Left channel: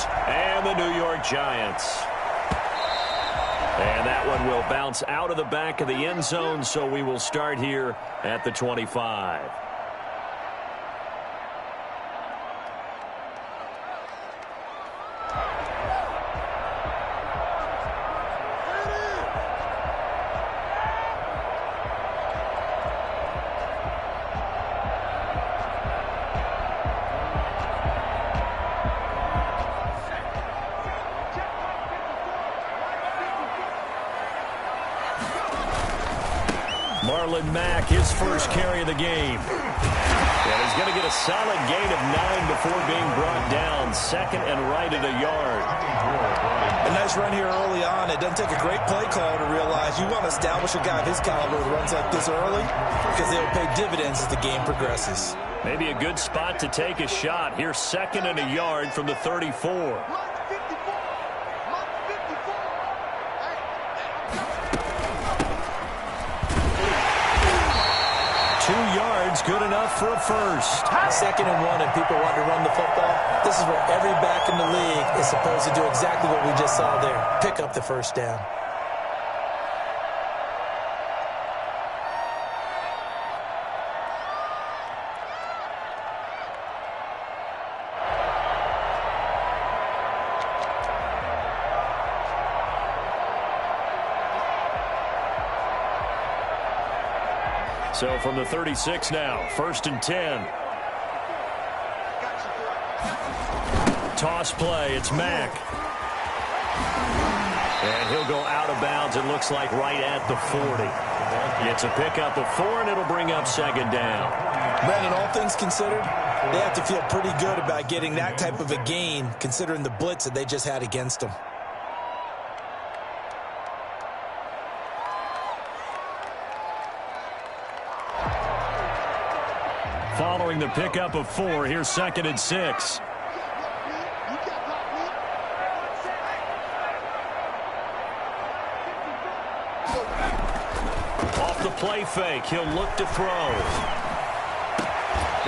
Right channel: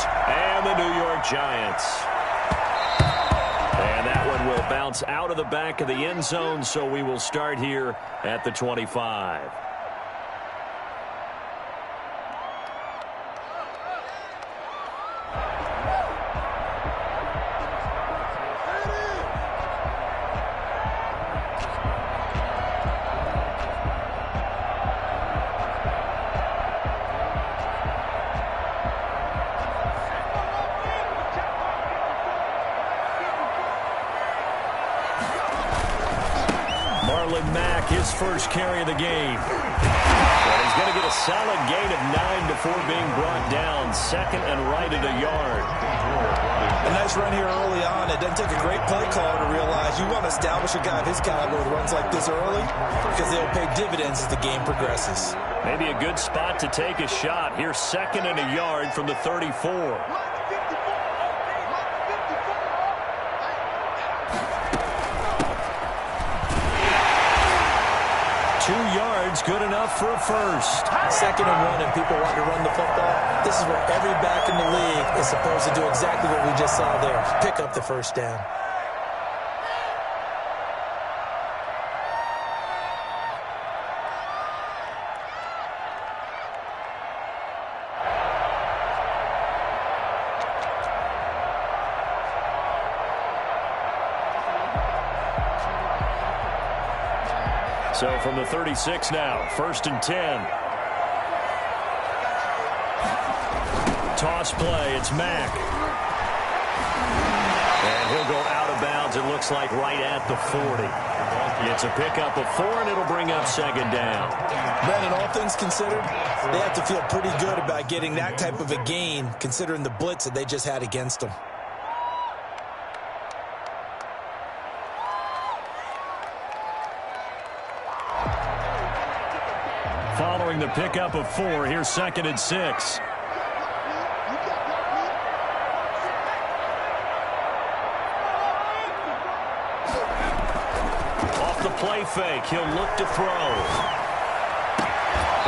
Patriots and the New York Giants. And that one will bounce out of the back of the end zone, so we will start here at the 25. Mack, his first carry of the game. And he's going to get a solid gain of 9 before being brought down. Second and right at a yard. A nice run here early on. It doesn't take a great play caller to realize you want to establish a guy of his caliber with runs like this early because they'll pay dividends as the game progresses. Maybe a good spot to take a shot. Here's second and a yard from the 34. 2 yards, good enough for a first. Second and 1, and people want to run the football. This is where every back in the league is supposed to do exactly what we just saw there. Pick up the first down. So from the 36 now, first and 10. Toss play, it's Mack. And he'll go out of bounds, it looks like right at the 40. It's a pickup of 4, and it'll bring up second down. Brandon, all things considered, they have to feel pretty good about getting that type of a gain, considering the blitz that they just had against them. Following the pickup of 4, here's second and 6. Off the play fake, he'll look to throw.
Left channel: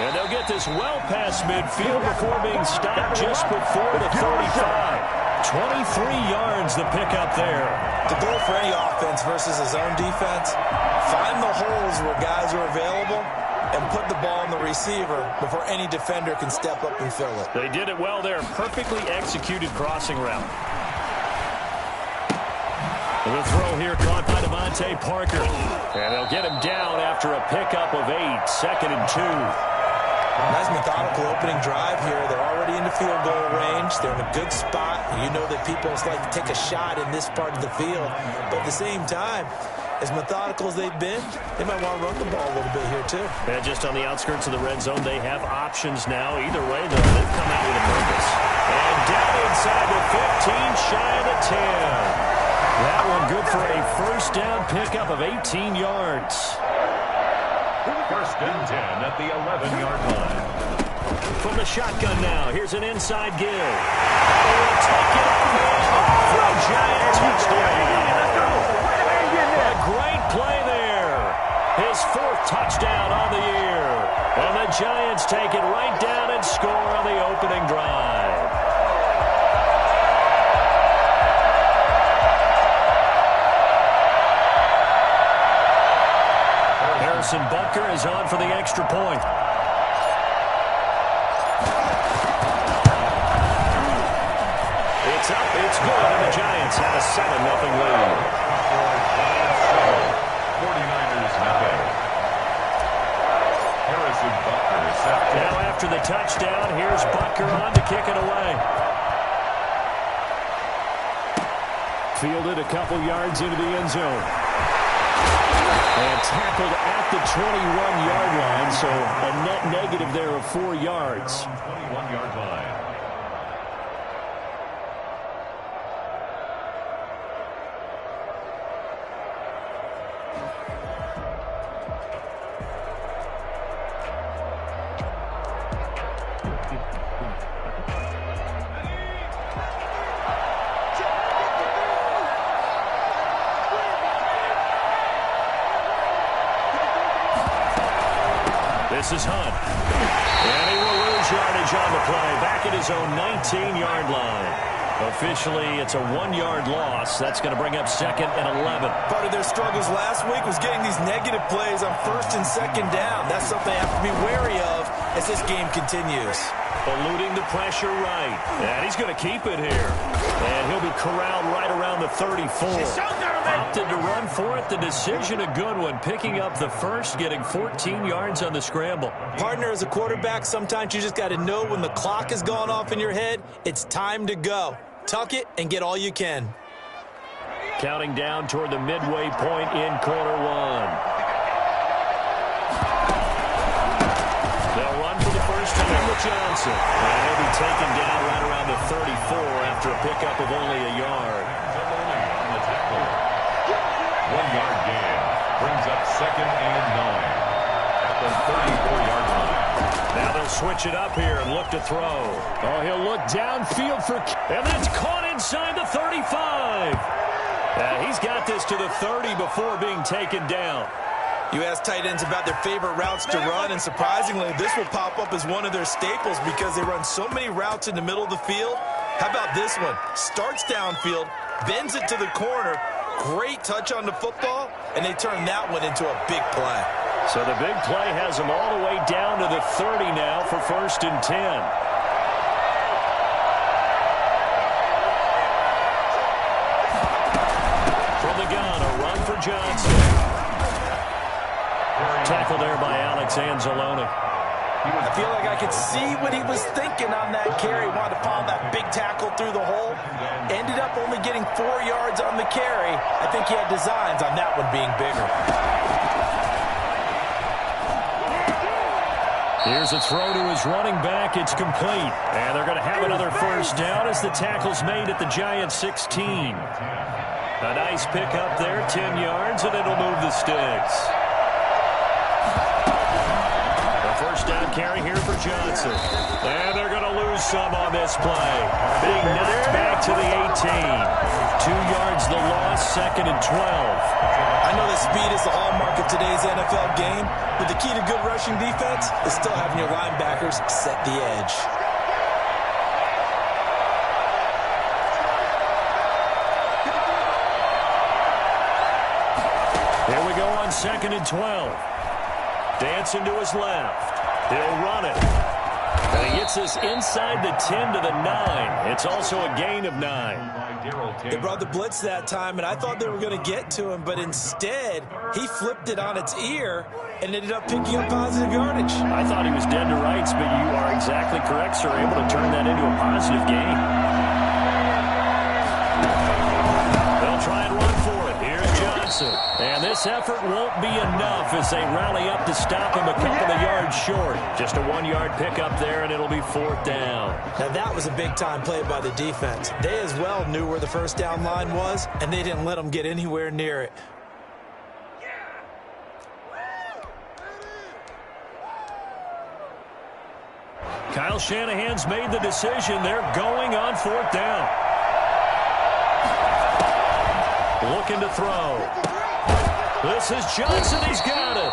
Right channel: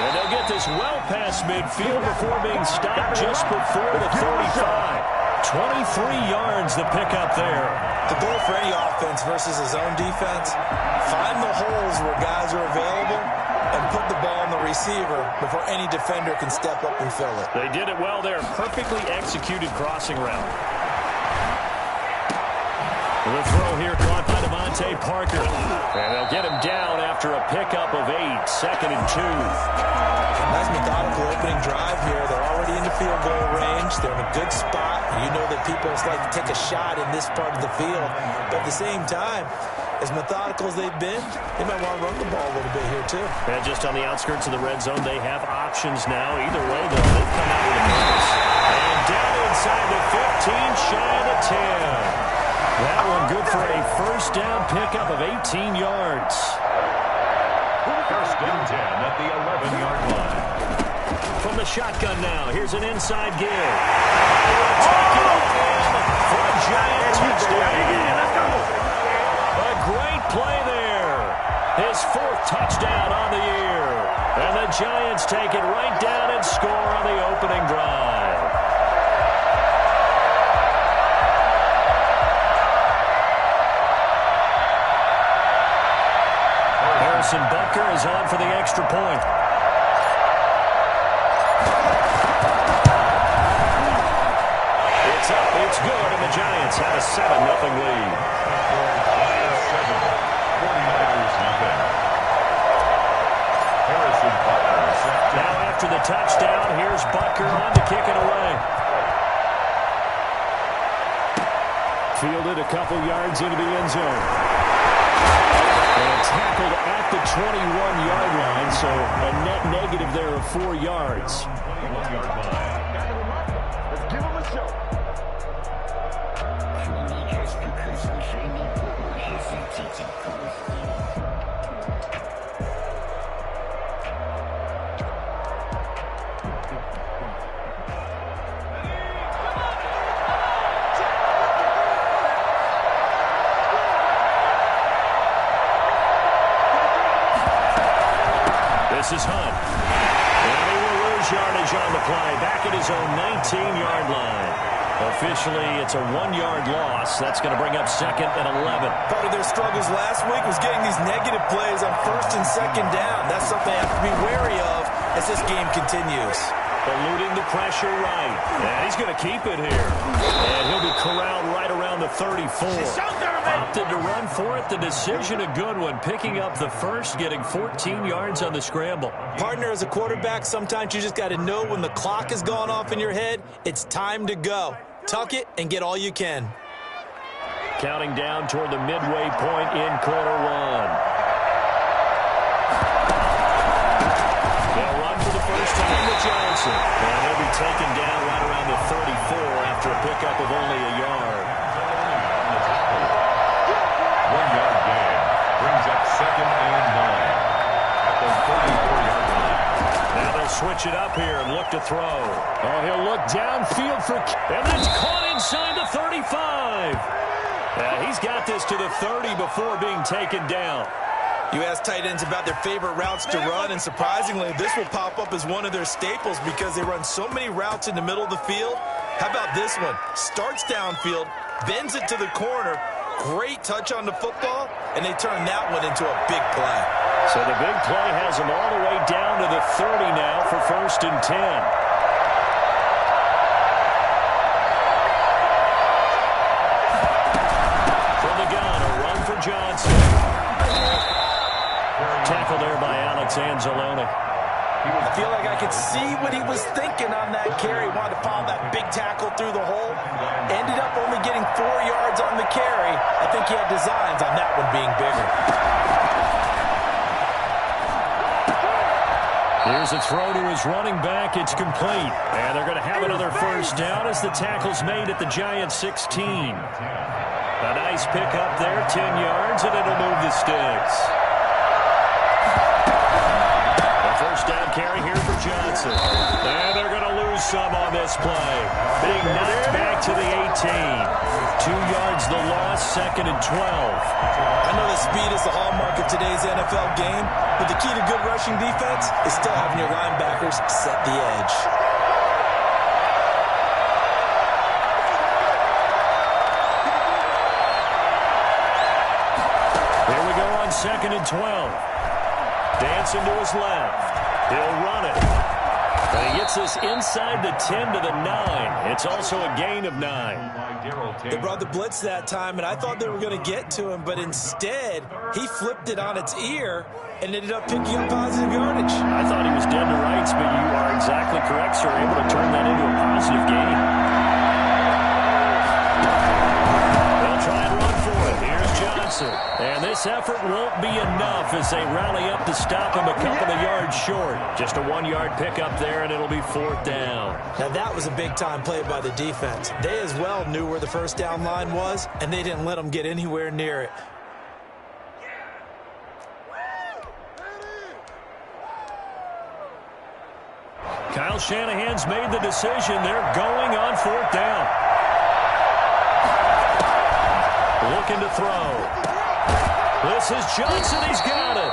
And they'll get this well past midfield before being stopped just before the 35. 23 yards the pickup there. The goal for any offense versus his own defense, find the holes where guys are available and put the ball on the receiver before any defender can step up and fill it. They did it well there. Perfectly executed crossing route. The throw here caught by Devontae Parker. And they'll get him down after a pickup of 8. Second and 2. Nice methodical opening drive here. They're already into field goal range. They're in a good spot. You know that people like to take a shot in this part of the field. But at the same time, as methodical as they've been, they might want to run the ball a little bit here too. And just on the outskirts of the red zone, they have options now. Either way, though, they've come out with a purpose. And down inside the 15, shy of the 10. That one good for a first down pickup of 18 yards. First and 10 at the 11-yard line. From the shotgun now, here's an inside give. And he will take it on in for a Giant touchdown. Let's go. A great play there. His 4th touchdown on the year. And the Giants take it right down and score on the opening drive. Harrison Butker is on for the extra point. It's up, it's good, and the Giants have a 7-0 lead. 49ers nothing. Harrison Butker is set to... Now after the touchdown, here's Butker on to kick it away. Fielded a couple yards into the end zone. And tackled at the 21-yard line, so a net negative there of 4 yards. 21-yard line. This is Hunt. And he will lose yardage on the play, back at his own 19-yard line. Officially, it's a 1-yard loss. That's going to bring up 2nd and 11. Part of their struggles last week was getting these negative plays on 1st and 2nd down. That's something they have to be wary of as this game continues. Eluding the pressure right. And he's going to keep it here. And he'll be corralled right around the 34. Opted to run for it. The decision a good one. Picking up the first, getting 14 yards on the scramble. Partner, as a quarterback, sometimes you just got to know when the clock has gone off in your head, it's time to go. Tuck it and get all you can. Counting down toward the midway point in quarter one. They'll run for the first time with Johnson. And he'll be taken down right around the 34 after a pickup of only a yard. 1-yard gain brings up 2nd and 9 at the 34-yard line. Now they'll switch it up here and look to throw. Oh, he'll look downfield for... And that's caught inside the 35. He's got this to the 30 before being taken down. You ask tight ends about their favorite routes to run, and surprisingly, this will pop up as one of their staples because they run so many routes in the middle of the field. How about this one? Starts downfield, bends it to the corner, great touch on the football, and they turn that one into a big play. So the big play has them all the way down to the 30 now for 1st and 10. From the gun, a run for Johnson. Tackle there by Alex Anzalone. I feel like I could see what he was thinking on that carry. Wanted to follow that big tackle through the hole. Ended up only getting 4 yards on the carry. I think he had designs on that one being bigger. Here's a throw to his running back. It's complete. And they're going to have another first down as the tackle's made at the Giants' 16. A nice pickup there, 10 yards, and it'll move the sticks. First down carry here for Johnson. And they're going to lose some on this play. Being knocked back to the 18. 2 yards the loss, 2nd and 12. I know that speed is the hallmark of today's NFL game, but the key to good rushing defense is still having your linebackers set the edge. Here we go on 2nd and 12. Dancing to his left. He'll run it. And he gets this inside the 10 to the 9. It's also a gain of 9. They brought the blitz that time, and I thought they were going to get to him, but instead, he flipped it on its ear and ended up picking up positive yardage. I thought he was dead to rights, but you are exactly correct, sir. Able to turn that into a positive gain. They'll try and run for it. Here's Johnson. And this effort won't be enough as they rally up to stop him a couple of yards short. Just a 1-yard pickup there, and it'll be 4th down. Now, that was a big-time play by the defense. They as well knew where the first down line was, and they didn't let them get anywhere near it. Kyle Shanahan's made the decision. They're going on 4th down. Looking to throw. This is Johnson. He's got it.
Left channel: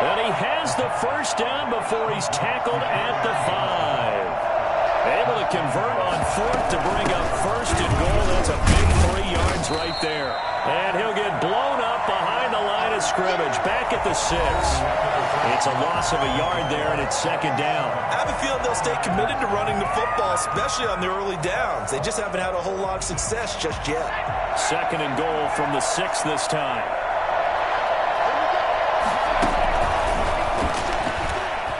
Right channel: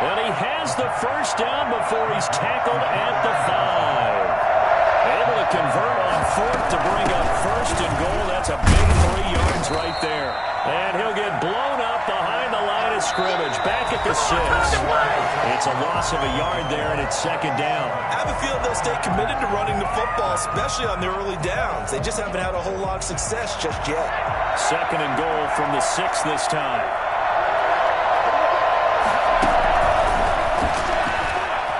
And he has the first down before he's tackled at the 5. Able to convert on 4th to bring up 1st and goal. That's a big 3 yards right there. And he'll get blown up behind the line of scrimmage. Back at the 6. It's a loss of a yard there, and it's 2nd down. I have a feeling they'll stay committed to running the football, especially on the early downs. They just haven't had a whole lot of success just yet. 2nd and goal from the 6 this time.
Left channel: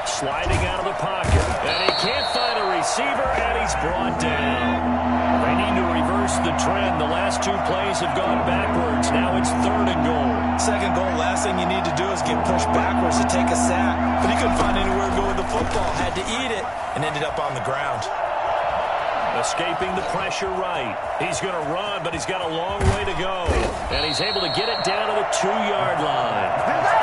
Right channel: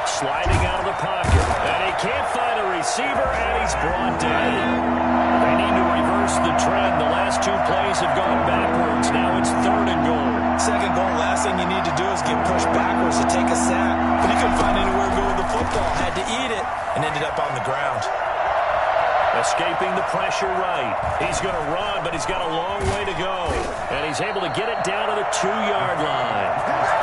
Sliding out of the pocket. And he can't find a receiver, and he's brought down. They need to reverse the trend. The last 2 plays have gone backwards. Now it's 3rd and goal. 2nd goal, last thing you need to do is get pushed backwards to take a sack. But he couldn't find anywhere to go with the football. Had to eat it and ended up on the ground. Escaping the pressure right. He's going to run, but he's got a long way to go. And he's able to get it down to the 2-yard line.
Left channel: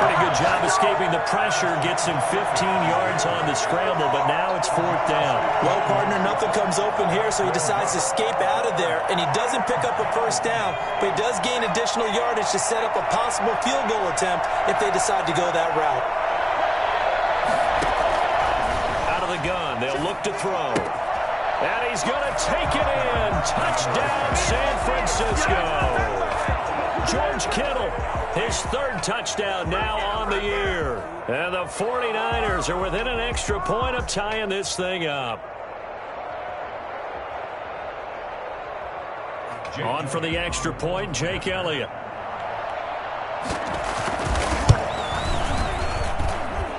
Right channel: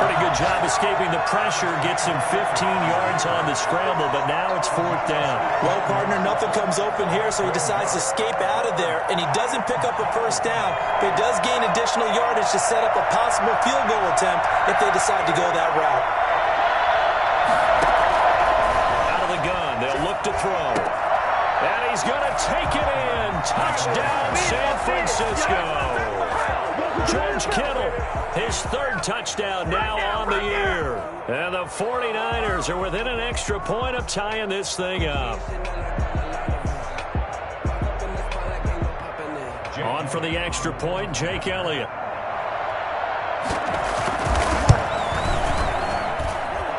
Pretty good job escaping the pressure. Gets him 15 yards on the scramble, but now it's 4th down. Well, partner, nothing comes open here, so he decides to escape out of there. And he doesn't pick up a first down, but he does gain additional yardage to set up a possible field goal attempt if they decide to go that route. Out of the gun. shotgun. They'll look to throw. And he's going to take it in. Touchdown, San Francisco. George Kittle, his third touchdown now on the year. And the 49ers are within an extra point of tying this thing up. On for the extra point, Jake Elliott.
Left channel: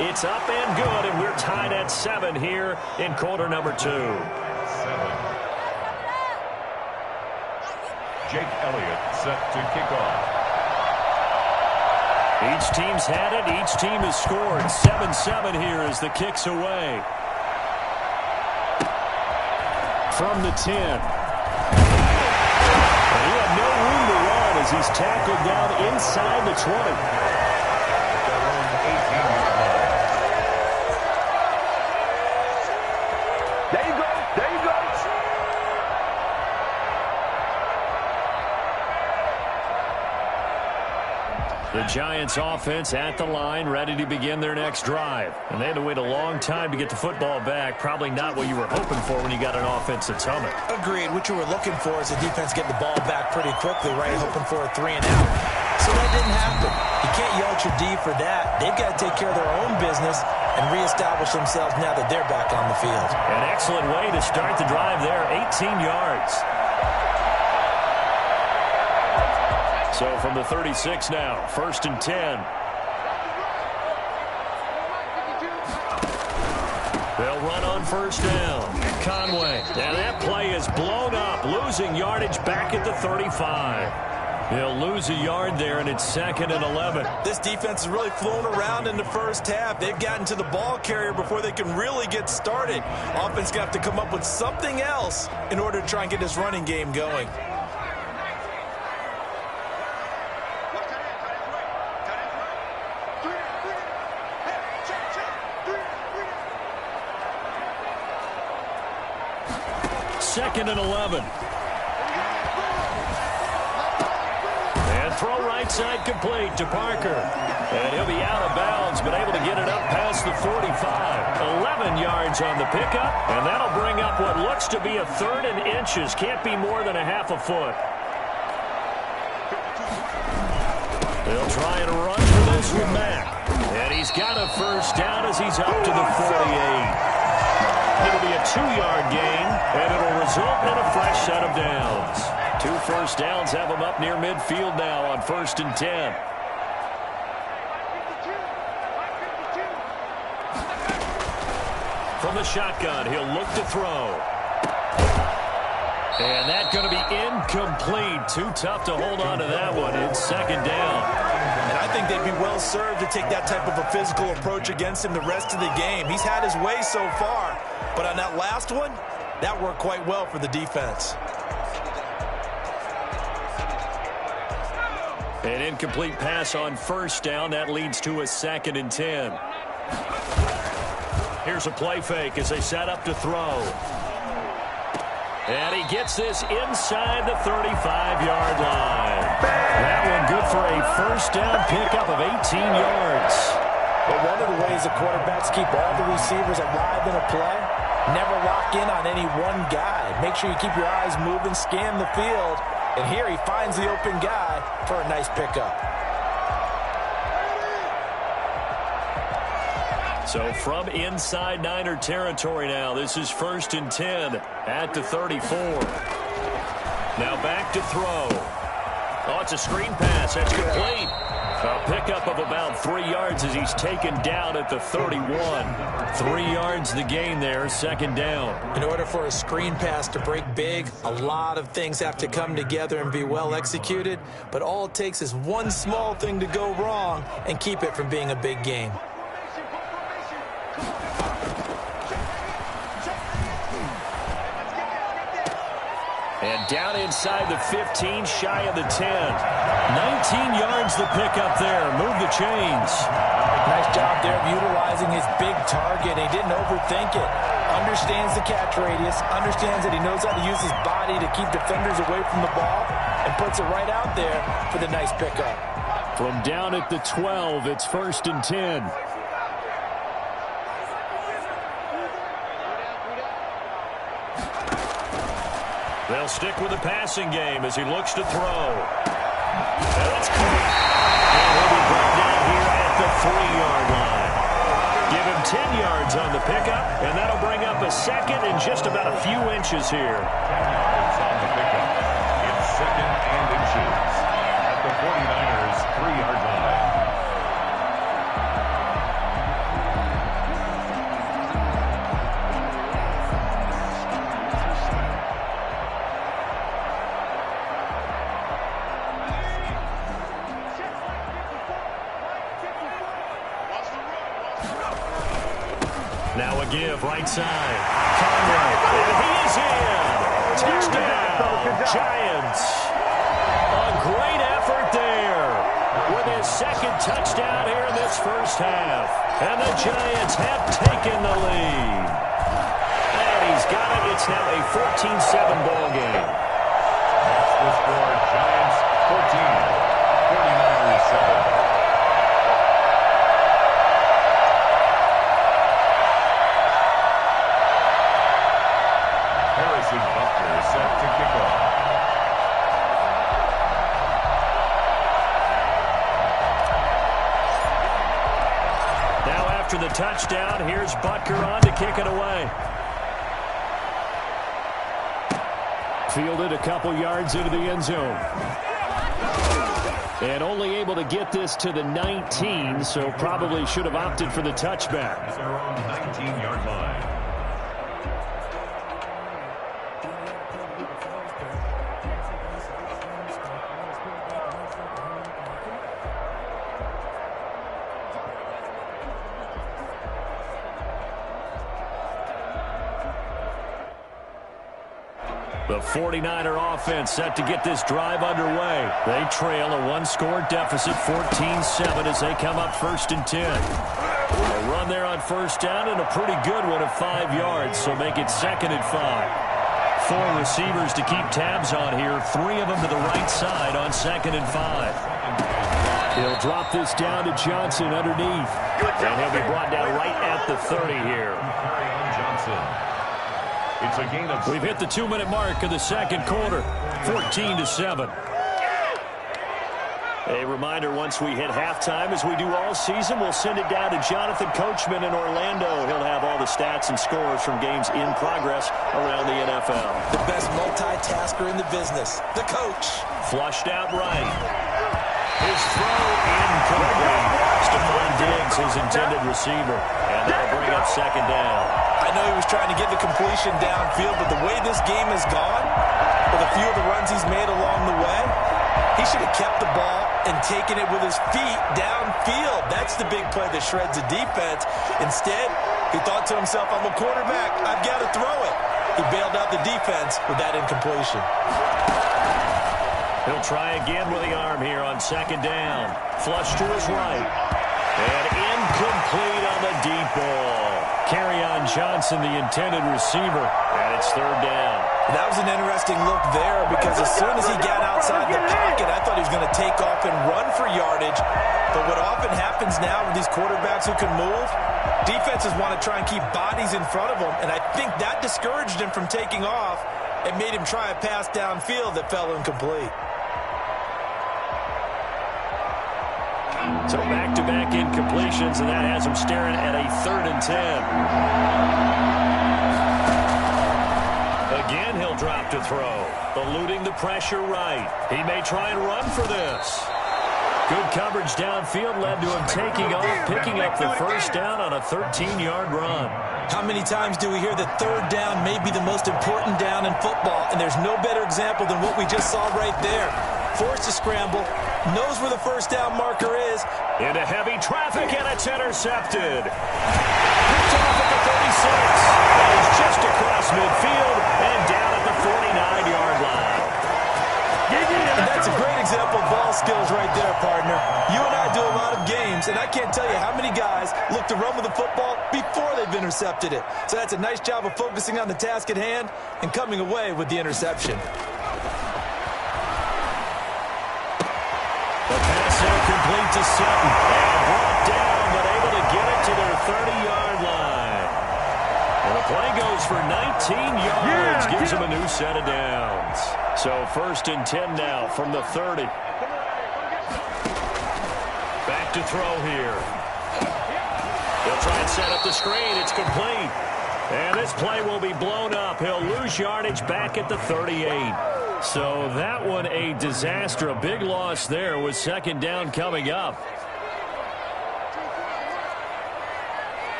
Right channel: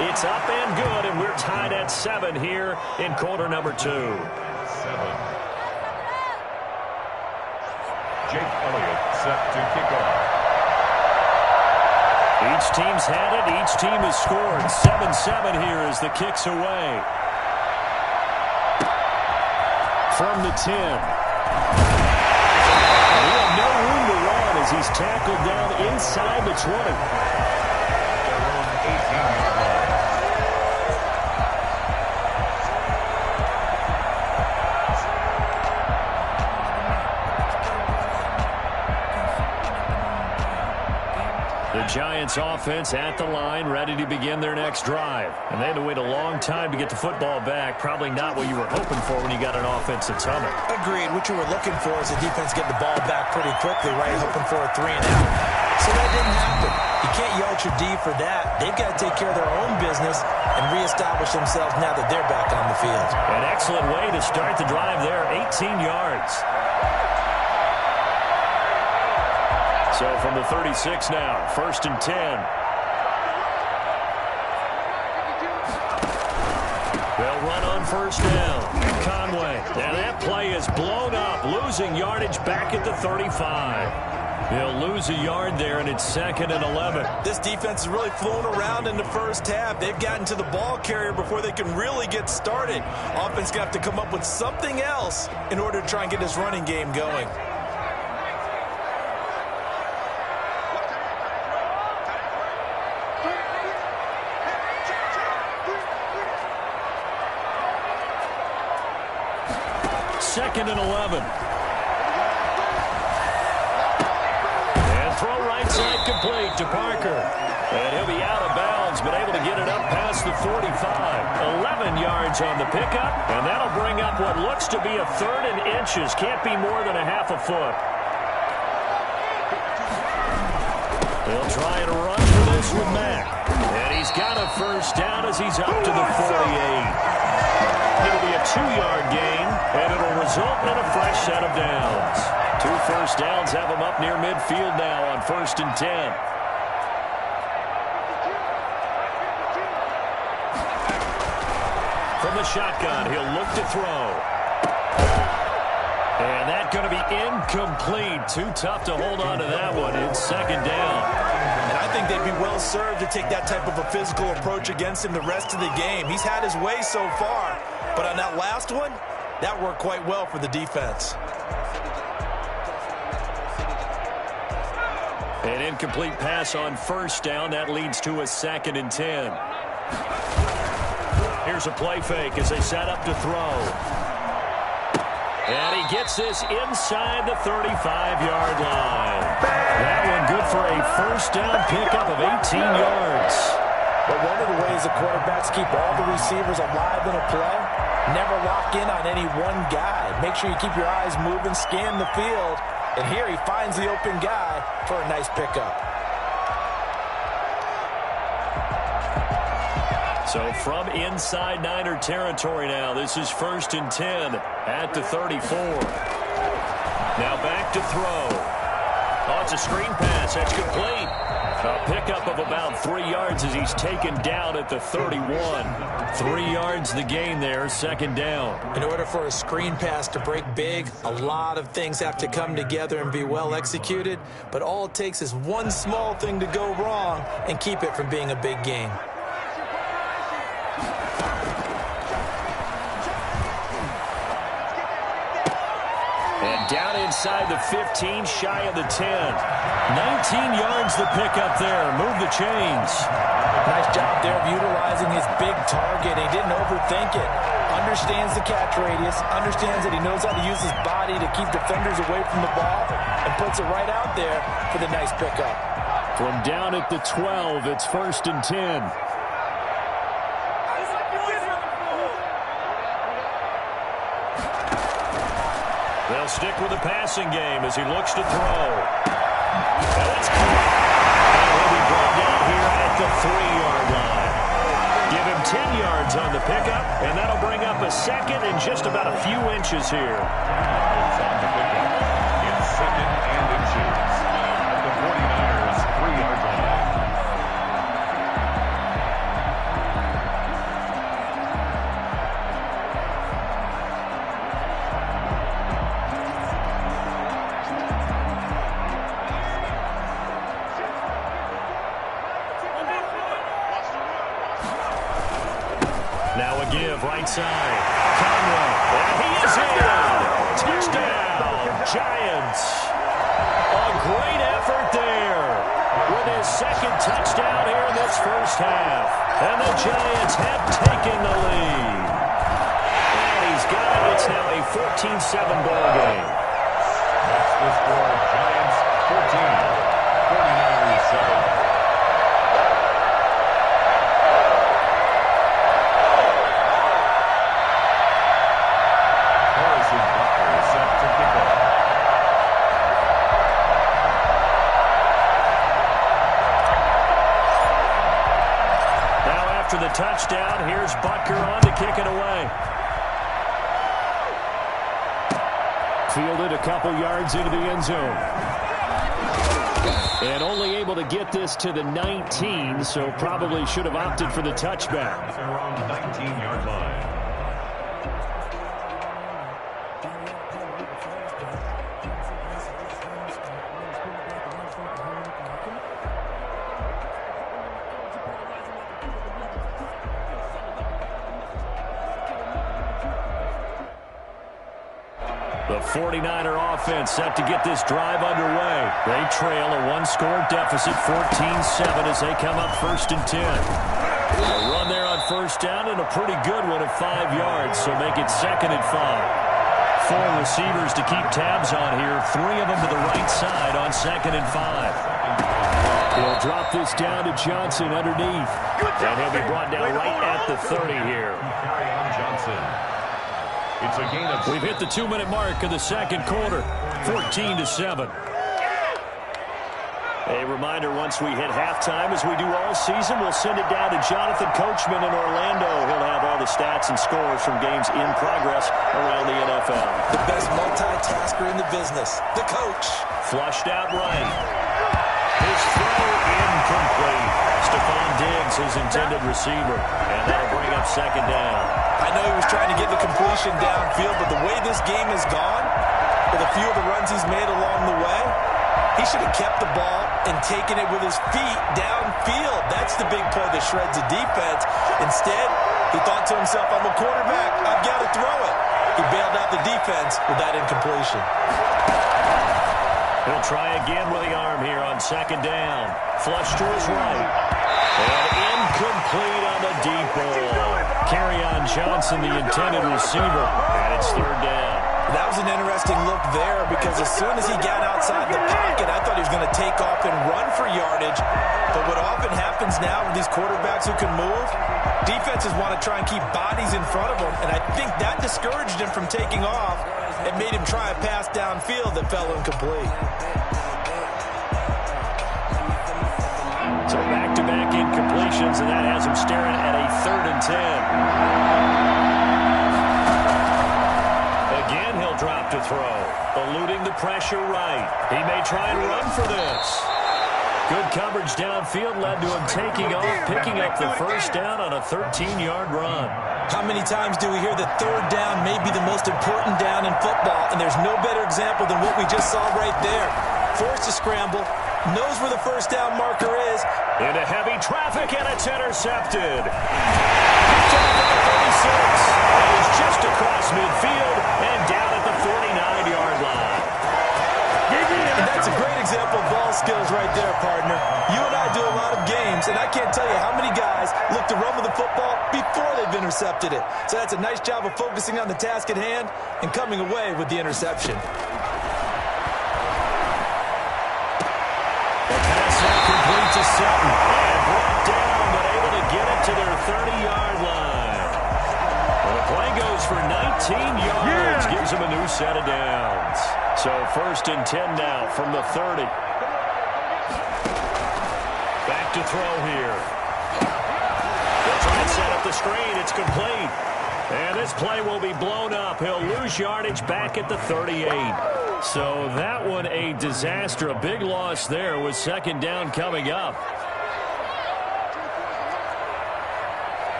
It's up and good, and we're tied at 7 here in quarter number 2. 7. Jake Elliott set to kick off. Each team's had it. Each team has scored. 7-7 here as the kick's away. From the 10. And he had no room to run as he's tackled down inside the 20. Their own 18-yard line. The Giants offense at the line, ready to begin their next drive. And they had to wait a long time to get the football back. Probably not what you were hoping for when you got an offense that's humming. Agreed. What you were looking for is the defense getting the ball back pretty quickly, right? Hoping for a 3 and out. So that didn't happen. You can't yell at your D for that. They've got to take care of their own business and reestablish themselves now that they're back on the field. An excellent way to start the drive there, 18 yards. So from the 36 now, 1st and 10. They'll run on 1st down. Conway. And that play is blown up, losing yardage back at the 35. He'll lose a yard there, and it's 2nd and 11. This defense is really flown around in the first half. They've gotten to the ball carrier before they can really get started. Offense going to have to come up with something else in order to try and get this running game going. Second and 11. And throw right side complete to Parker. And he'll be out of bounds, but able to get it up past the 45. 11 yards on the pickup, and that'll bring up what looks to be a 3rd and inches. Can't be more than a half a foot. They'll try and run for this with Mack. And he's got a 1st down as he's up to the 48. It'll be a 2-yard gain, and it'll result in a fresh set of downs. 2 1st downs have him up near midfield now on 1st and 10. From the shotgun, he'll look to throw. And that's going to be incomplete. Too tough to hold on to that one. It's 2nd down. And I think they'd be well served to take that type of a physical approach against him the rest of the game. He's had his way so far, but on that last one, that worked quite well for the defense. An incomplete pass on 1st down. That leads to a 2nd and 10. Here's a play fake as they set up to throw. And he gets this inside the 35-yard line. That one good for a 1st down pickup of 18 yards. But one of the ways the quarterbacks keep all the receivers alive in a play, never lock in on any one guy. Make sure you keep your eyes moving, scan the field. And here he finds the open guy for a nice pickup. So from inside Niner territory now, this is 1st and 10 at the 34. Now back to throw. Oh, it's a screen pass. That's complete. A pickup of about 3 yards as he's taken down at the 31. 3 yards the gain there, 2nd down. In order for a screen pass to break big, a lot of things have to come together and be well executed. But all it takes is one small thing to go wrong and keep it from being a big game. And down inside the 15, shy of the 10. 19 yards the pickup there. Move the chains. Nice job there of utilizing his big target. He didn't overthink it. Understands the catch radius. Understands that he knows how to use his body to keep defenders away from the ball. And puts it right out there for the nice pickup. From down at the 12, it's 1st and 10. They'll stick with the passing game as he looks to throw. And that's caught. And he'll be brought down here at the 3-yard line. Give him 10 yards on the pickup, and that'll bring up a second and just about a few inches here. 10 yards on the pickup. It's second and inches at the 49ers' 3-yard line. Now a give, right side. Conway, and he is in. Touchdown, Giants. A great effort there with his second touchdown here in this first half. And the Giants have taken the lead. And he's got it. It's now a 14-7 ball game. That's the score. Giants 14, 49ers 7. Bucker set to kick off. Now after the touchdown, here's Butker on to kick it away. Fielded a couple yards into the end zone. And only able to get this to the 19, so probably should have opted for the touchback. At their own 19-yard line. The 49er offense set to get this drive underway. They trail a one-score deficit, 14-7, as they come up 1st and 10. A run there on first down and a pretty good one of 5 yards, so make it 2nd and 5. 4 receivers to keep tabs on here, 3 of them to the right side on 2nd and 5. He'll drop this down to Johnson underneath. And he'll be brought down right at the 30 here. Carry on Johnson. It's a gain of... We've hit the 2-minute mark of the second quarter, 14-7. A reminder, once we hit halftime, as we do all season, we'll send it down to Jonathan Coachman in Orlando. He'll have all the stats and scores from games in progress around the NFL. The best multitasker in the business, the coach. Flushed out right. His throw incomplete. Stephon Diggs, his intended receiver. And that'll bring up 2nd down. I know he was trying to get the completion downfield, but the way this game has gone, with a few of the runs he's made along the way, he should have kept the ball and taken it with his feet downfield. That's the big play that shreds the defense. Instead, he thought to himself, I'm a quarterback, I've got to throw it. He bailed out the defense with that incompletion. He'll try again with the arm here on 2nd down. Flush to his right. And incomplete on the deep ball. Kerryon Johnson, the intended receiver. And it's 3rd down. That was an interesting look there because as soon as he got outside the pocket, I thought he was going to take off and run for yardage. But what often happens now with these quarterbacks who can move, defenses want to try and keep bodies in front of them. And I think that discouraged him from taking off and made him try a pass downfield that fell incomplete. So back-to-back incompletions, and that has him staring at a 3rd and 10. Again, he'll drop to throw. Eluding the pressure right. He may try and run for this. Good coverage downfield led to him taking off, picking up the first down on a 13-yard run. How many times do we hear that 3rd down may be the most important down in football, and there's no better example than what we just saw right there. Forced to scramble, knows where the first down marker is. Into heavy traffic, and it's intercepted. Picked off at the 36. And he's just across midfield and down at the 49-yard line. And that's a great example of ball skills right there, partner. You and I do a lot of games, and I can't tell you how many guys look to run with the football before they've intercepted it. So that's a nice job of focusing on the task at hand and coming away with the interception. The pass there complete to Sutton. And brought down, but able to get it to their 30-yard line. And a Play goes for 19 yards. Gives him a new set of downs. So 1st and 10 now from the 30. Back to throw here. They'll try and set up the screen. It's complete. And this play will be blown up. He'll lose yardage back at the 38. So that one a disaster. A big loss there with 2nd down coming up.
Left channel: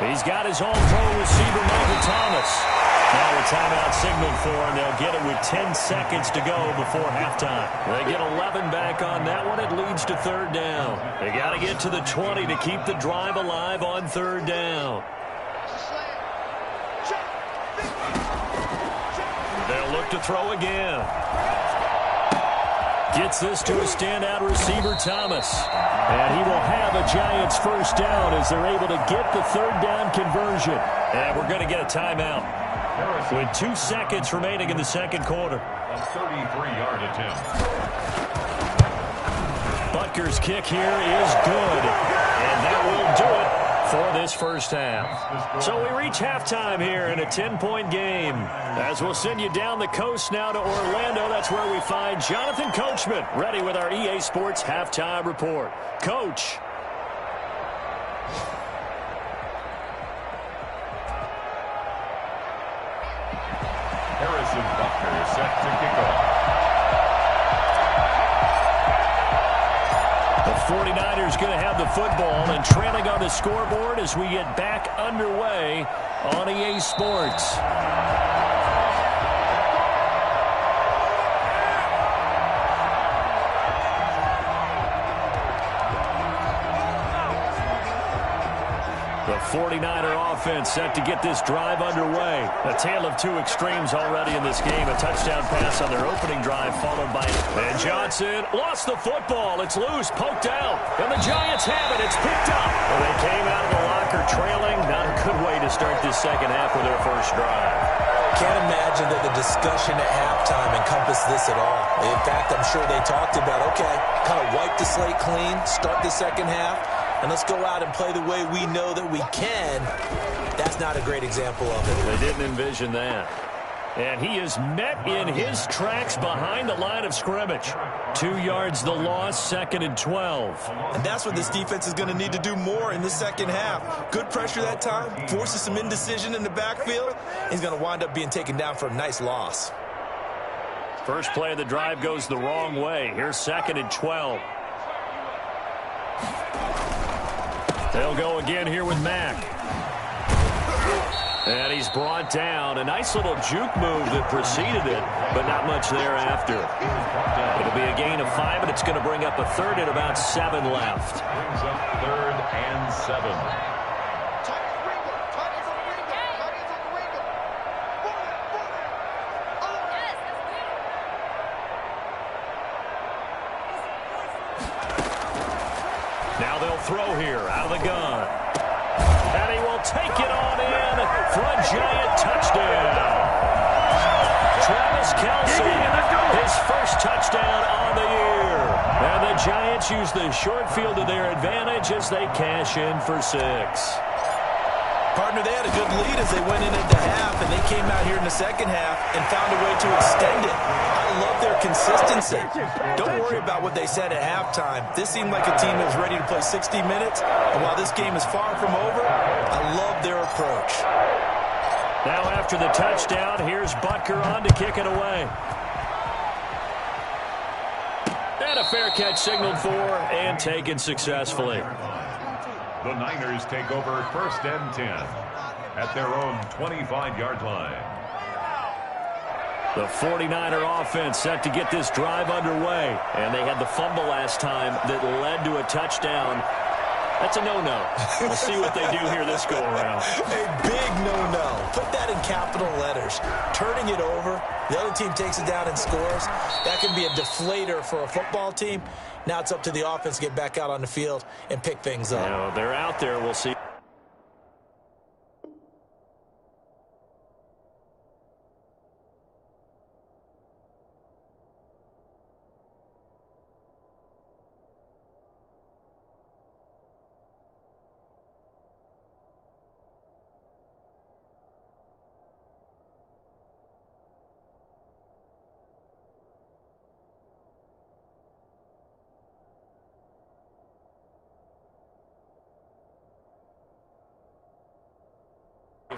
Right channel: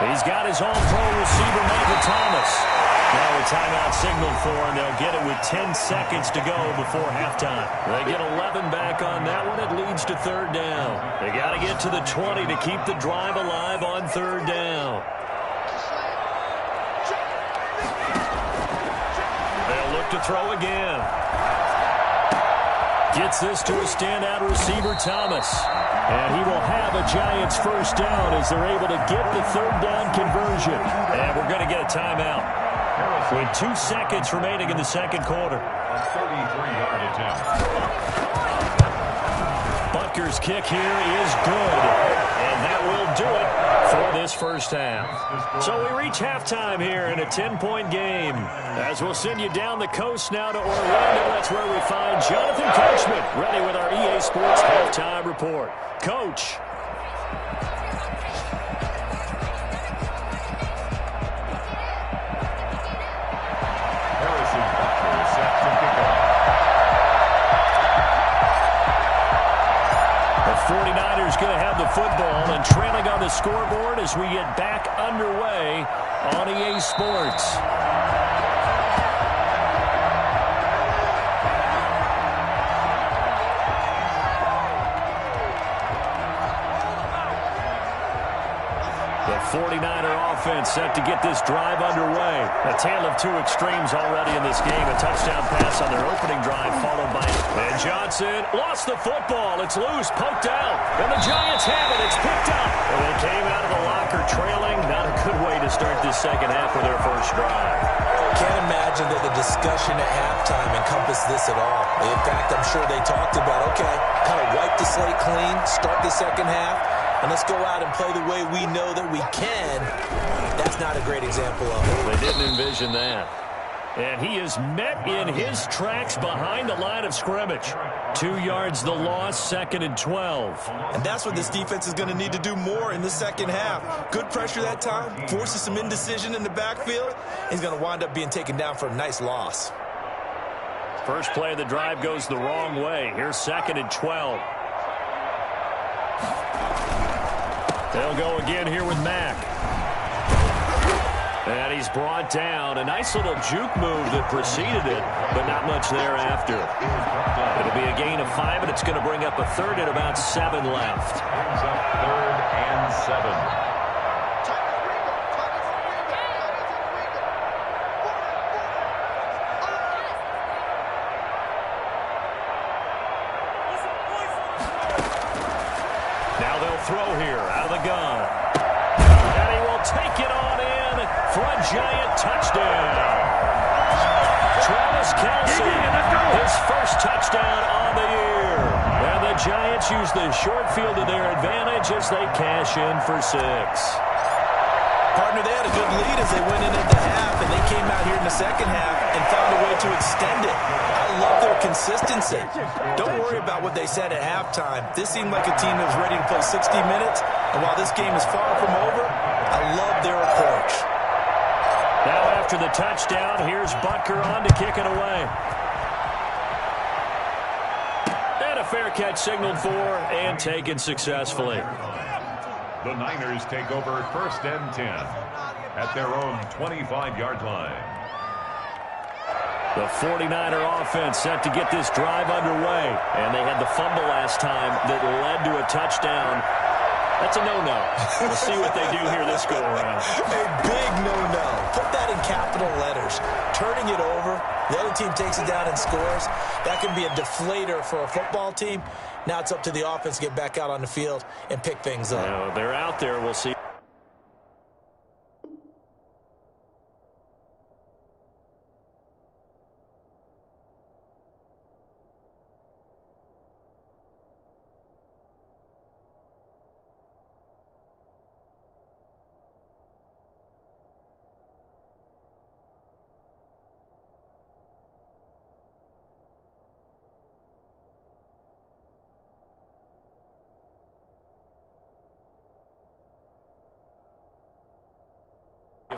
He's got his all-pro receiver, Michael Thomas. Now a timeout signaled for, and they'll get it with 10 seconds to go before halftime. They get 11 back on that one. It leads to 3rd down. They got to get to the 20 to keep the drive alive on 3rd down. They'll look to throw again. Gets this to a standout receiver, Thomas. And he will have a Giants 1st down as they're able to get the 3rd down conversion. And we're going to get a timeout with 2 seconds remaining in the 2nd quarter. A 33-yard attempt. Butker's kick here is good. And that will do it for this 1st half. So we reach halftime here in a 10-point game. As we'll send you down the coast now to Orlando, that's where we find Jonathan Coachman, ready with our EA Sports halftime report. Coach. Harrison Butker set to kick off. The 49ers going to have the football and trailing on the scoreboard as we get back underway on EA Sports. The 49er offense set to get this drive underway. A tale of 2 extremes already in this game. A touchdown pass on their opening drive followed by... And Johnson lost the football. It's loose, poked out. And the Giants have it. It's picked up. And they came out of the locker trailing. Not a good way to start this 2nd half with their 1st drive. Can't imagine that the discussion at halftime encompassed this at all. In fact, I'm sure they talked about, okay, kind of wipe the slate clean, start the 2nd half, and let's go out and play the way we know that we can. That's not a great example of it. They didn't envision that. And he is met in his tracks behind the line of scrimmage. 2 yards the loss, 2nd and 12. And that's what this defense is going to need to do more in the 2nd half. Good pressure that time, forces some indecision in the backfield. He's going to wind up being taken down for a nice loss. First play of the drive goes the wrong way. Here's 2nd and 12. They'll go again here with Mack. And he's brought down. A nice little juke move that preceded it, but not much thereafter. It'll be a gain of 5, and it's going to bring up a 3rd and about 7 left. Brings up 3rd and 7. Now they'll throw here out of the gun. And he will take it on in for a Giant touchdown. Travis Kelce, his 1st touchdown on the year. And the Giants use the short field to their advantage as they cash in for 6. Partner, they had a good lead as they went in at the half, and they came out here in the 2nd half and found a way to extend it. I love their consistency. Don't worry about what they said at halftime. This seemed like a team that was ready to play 60 minutes, and while this game is far from over, I love their approach. Now after the touchdown, here's Butker on to kick it away. And a fair catch signaled for and taken successfully. The Niners take over 1st and 10 at their own 25-yard line. The 49er offense set to get this drive underway. And they had the fumble last time that led to a touchdown. That's a no-no. We'll see what they do here this go-around. A big no-no. Put that in capital letters. Turning it over, the other team takes it down and scores. That can be a deflator for a football team. Now it's up to the offense to get back out on the field and pick things up. Now, they're out there. We'll see.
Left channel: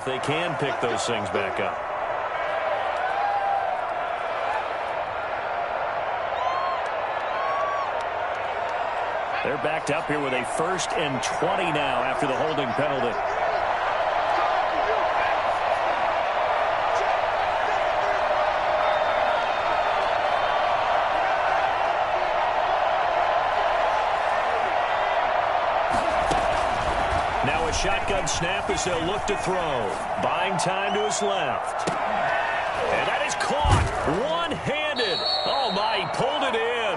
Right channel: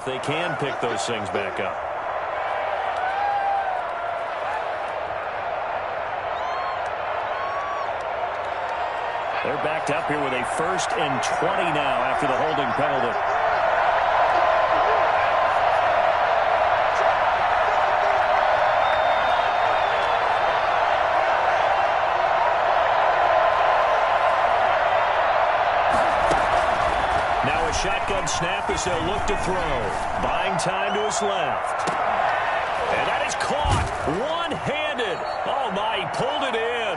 if they can pick those things back up. They're backed up here with a 1st and 20 now after the holding penalty. Now a shotgun snap as they'll look to throw. Buying time to his left. And that is caught one-handed. Oh, my, he pulled it in.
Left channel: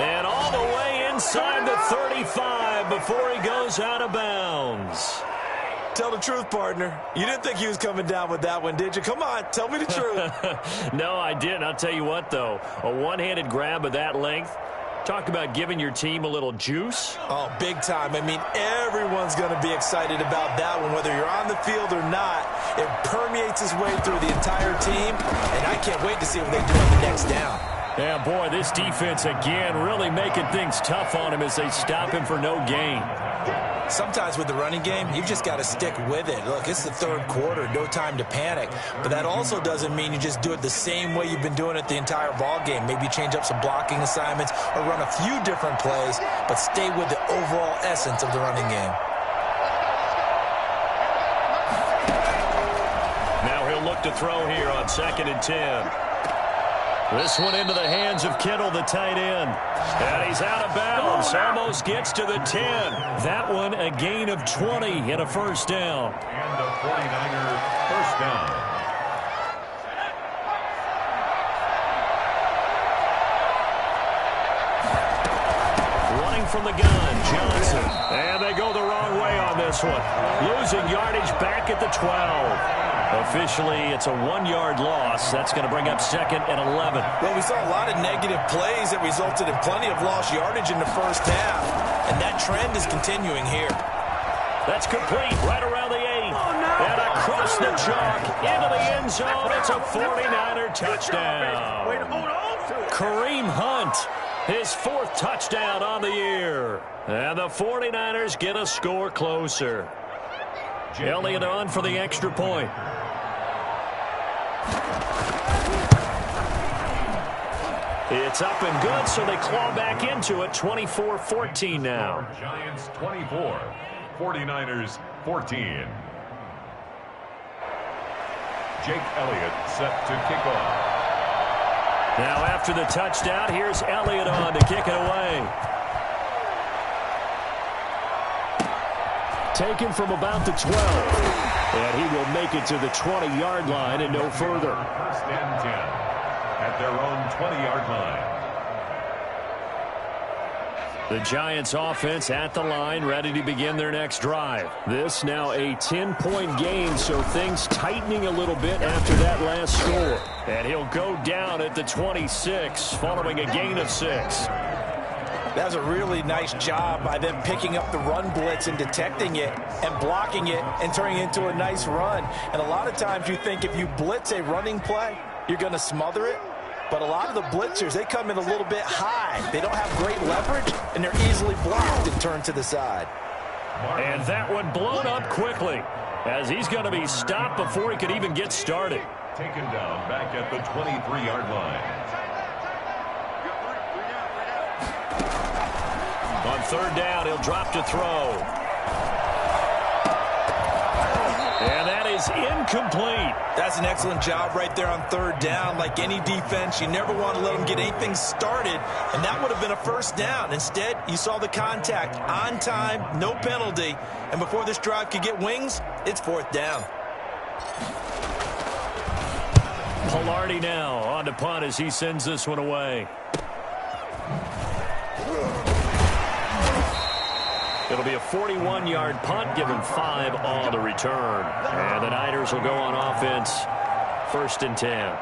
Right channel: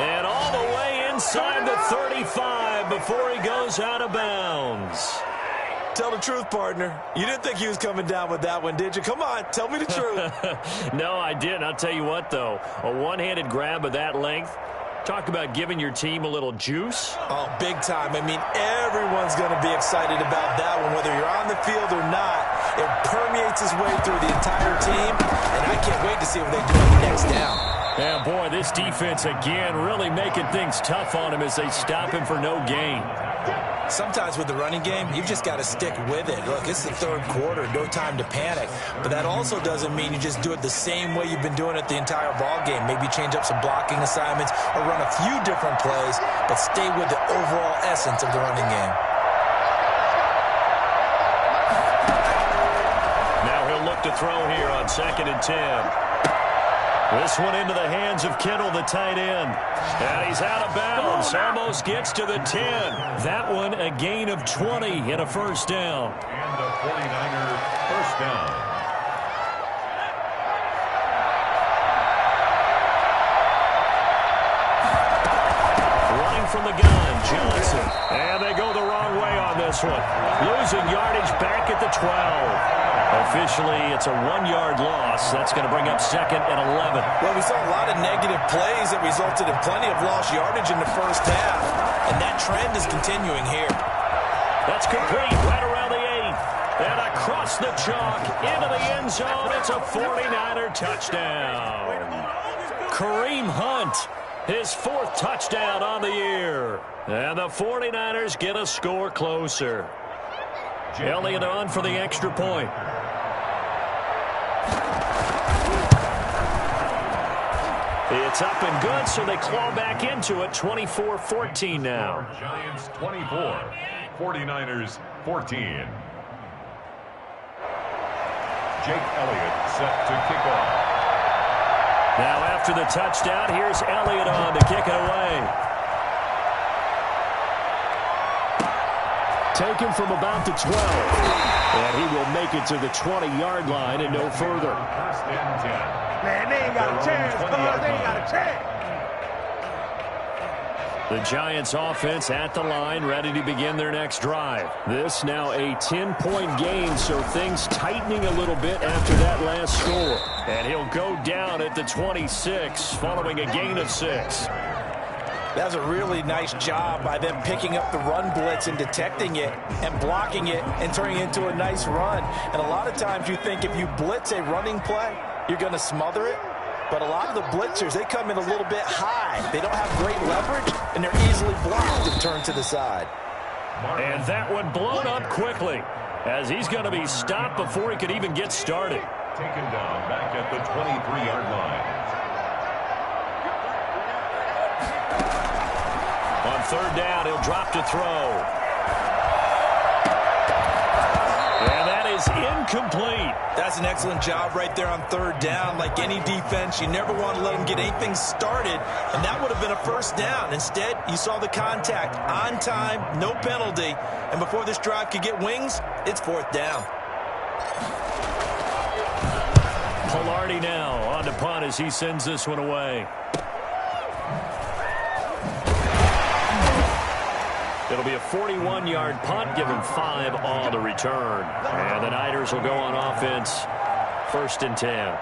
And all the way inside the 35 before he goes out of bounds. Tell the truth, partner. You didn't think he was coming down with that one, did you? Come on, tell me the truth. No, I didn't. I'll tell you what, though. A one-handed grab of that length. Talk about giving your team a little juice. Oh, big time. I mean, everyone's going to be excited about that one, whether you're on the field or not. It permeates its way through the entire team, and I can't wait to see what they do on the next down. Yeah, boy, this defense, again, really making things tough on him as they stop him for no gain. Sometimes with the running game, you've just got to stick with it. Look, it's the 3rd quarter, no time to panic. But that also doesn't mean you just do it the same way you've been doing it the entire ball game. Maybe change up some blocking assignments or run a few different plays, but stay with the overall essence of the running game. Now he'll look to throw here on 2nd and 10. This one into the hands of Kittle, the tight end. And he's out of bounds. Almost gets to the 10. That one a gain of 20 and a 1st down. And the 49er 1st down. Running from the gun, Johnson. And they go the wrong way on this one. Losing yardage back at the 12. Officially, it's a 1-yard loss. That's going to bring up 2nd and 11. Well, we saw a lot of negative plays that resulted in plenty of lost yardage in the 1st half, and that trend is continuing here. That's complete right around the 8. And across the chalk into the end zone. It's a 49er touchdown. Kareem Hunt, his 4th touchdown on the year. And the 49ers get a score closer. Elliott on for the extra point. It's up and good, so they claw back into it. 24-14 now. Giants 24, 49ers 14. Jake Elliott set to kick off. Now after the touchdown, here's Elliott on to kick it away. Taken from about the 12. And he will make it to the 20-yard line and no further. 1st and 10 at their own 20-yard line. The Giants offense at the line, ready to begin their next drive. This now a 10-point game, so things tightening a little bit after that last score. And he'll go down at the 26 following a gain of 6. That was a really nice job by them picking up the run blitz and detecting it and blocking it and turning it into a nice run. And a lot of times you think if you blitz a running play, you're going to smother it. But a lot of the blitzers, they come in a little bit high. They don't have great leverage, and they're easily blocked and turned to the side. And that one blown up quickly as he's going to be stopped before he could even get started. Taken down back at the 23-yard line. On 3rd down, he'll drop to throw. And that is incomplete. That's an excellent job right there on 3rd down. Like any defense, you never want to let them get anything started, and that would have been a 1st down. Instead, you saw the contact on time, no penalty, and before this drive could get wings, it's 4th down. Pilardi now on to punt as he sends this one away. It'll be a 41-yard punt, given 5 on the return. And the Niners will go on offense, 1st and 10.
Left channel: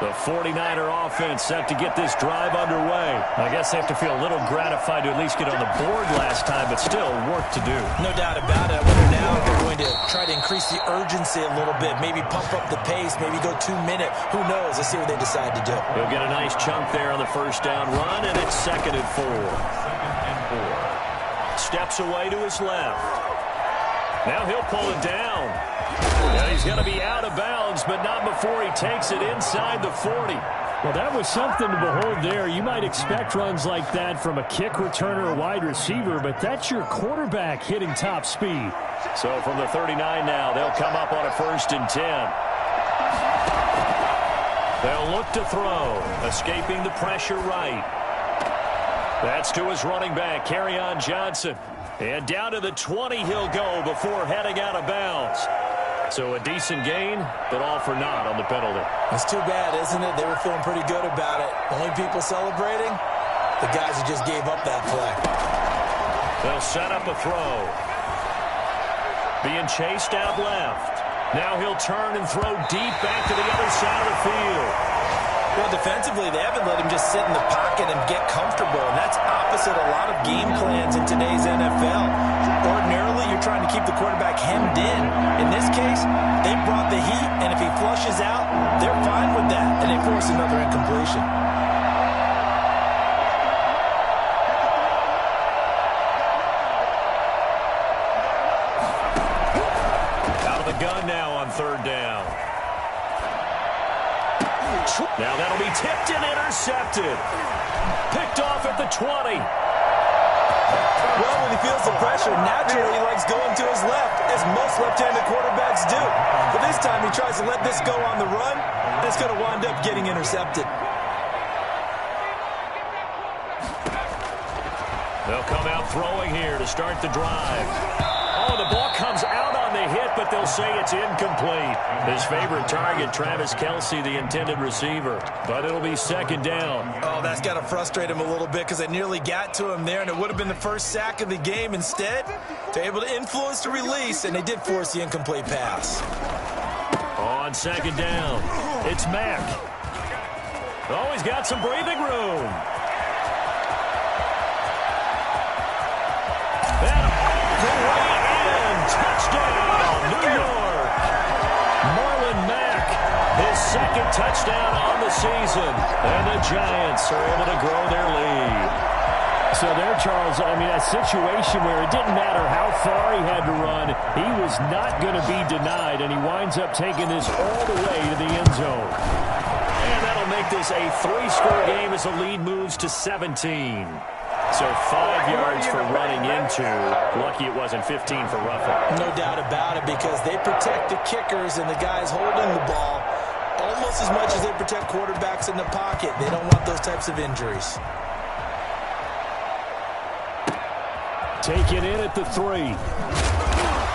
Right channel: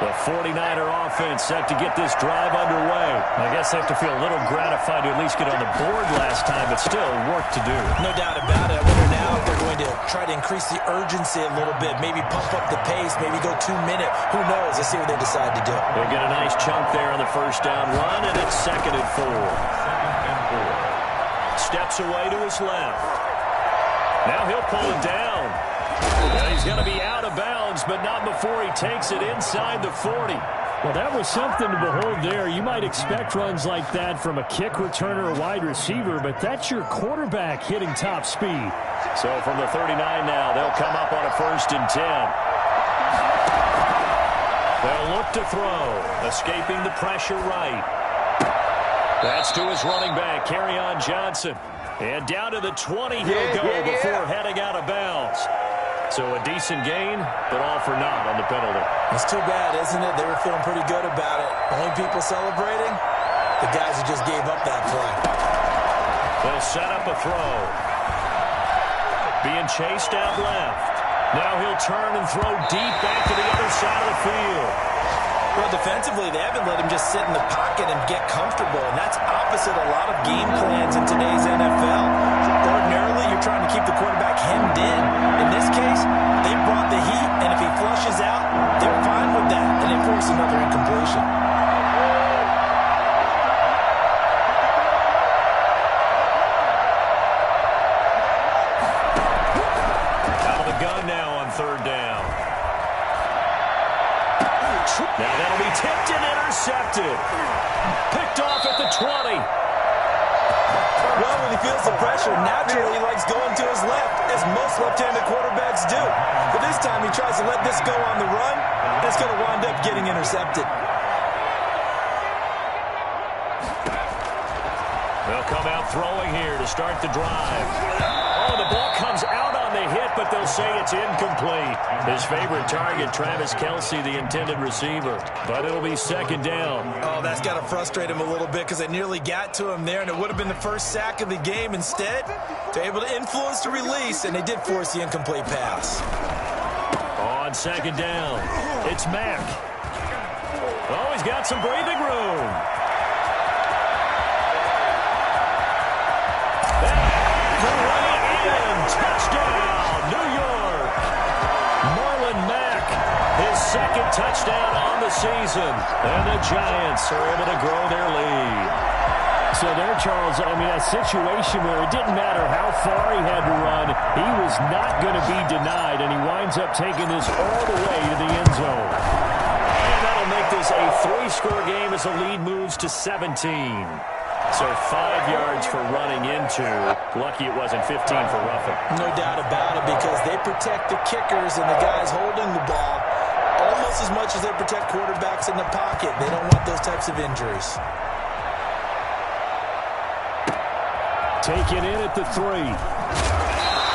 The 49er offense set to get this drive underway. I guess they have to feel a little gratified to at least get on the board last time, but still work to do. No doubt about it. I wonder now if they're going to try to increase the urgency a little bit, maybe pump up the pace, maybe go 2 minute. Who knows? Let's see what they decide to do. He'll get a nice chunk there on the first down run, and it's 2nd and 4. Steps away to his left. Now he'll pull it down. Well, he's going to be out of bounds, but not before he takes it inside the 40. Well, that was something to behold there. You might expect runs like that from a kick returner or wide receiver, but that's your quarterback hitting top speed. So from the 39 now, they'll come up on a 1st and 10. They'll look to throw, escaping the pressure right. That's to his running back, Kerryon Johnson. And down to the 20 he'll go before heading out of bounds. So a decent gain, but all for naught on the penalty. It's too bad, isn't it? They were feeling pretty good about it. Only people celebrating? The guys who just gave up that play. They'll set up a throw. Being chased out left. Now he'll turn and throw deep back to the other side of the field. Well, defensively, they haven't let him just sit in the pocket and get comfortable, and that's opposite a lot of game plans in today's NFL. Ordinarily, you're trying to keep the quarterback hemmed in. In this case, they brought the heat, and if he flushes out, they're fine with that, and they force another incompletion. Out of the gun now on 3rd down. Now that'll be tipped and intercepted. Picked off at the 20. Well, when he feels the pressure, naturally he likes going to his left, as most left-handed quarterbacks do. But this time he tries to let this go on the run, and it's going to wind up getting intercepted. They'll come out throwing here to start the drive. Oh, the ball comes out on the hit, but they'll say it's incomplete. His favorite target, Travis Kelce, the intended receiver. But it'll be 2nd down. Oh, that's got to frustrate him a little bit because they nearly got to him there, and it would have been the first sack of the game. Instead, they're able to influence the release, and they did force the incomplete pass. On 2nd down, it's Mack. Oh, he's got some breathing room. Way in. Touchdown, New York. Marlon Mack, his 2nd touchdown on the season. And the Giants are able to grow their lead. So there, Charles, I mean, a situation where it didn't matter how far he had to run, he was not going to be denied, and he winds up taking this all the way to the end zone. And that'll make this a 3-score game as the lead moves to 17. So 5 yards for running into. Lucky it wasn't 15 for roughing. No doubt about it, because they protect the kickers and the guys holding the ball almost as much as they protect quarterbacks in the pocket. They don't want those types of injuries. Taken in at the 3.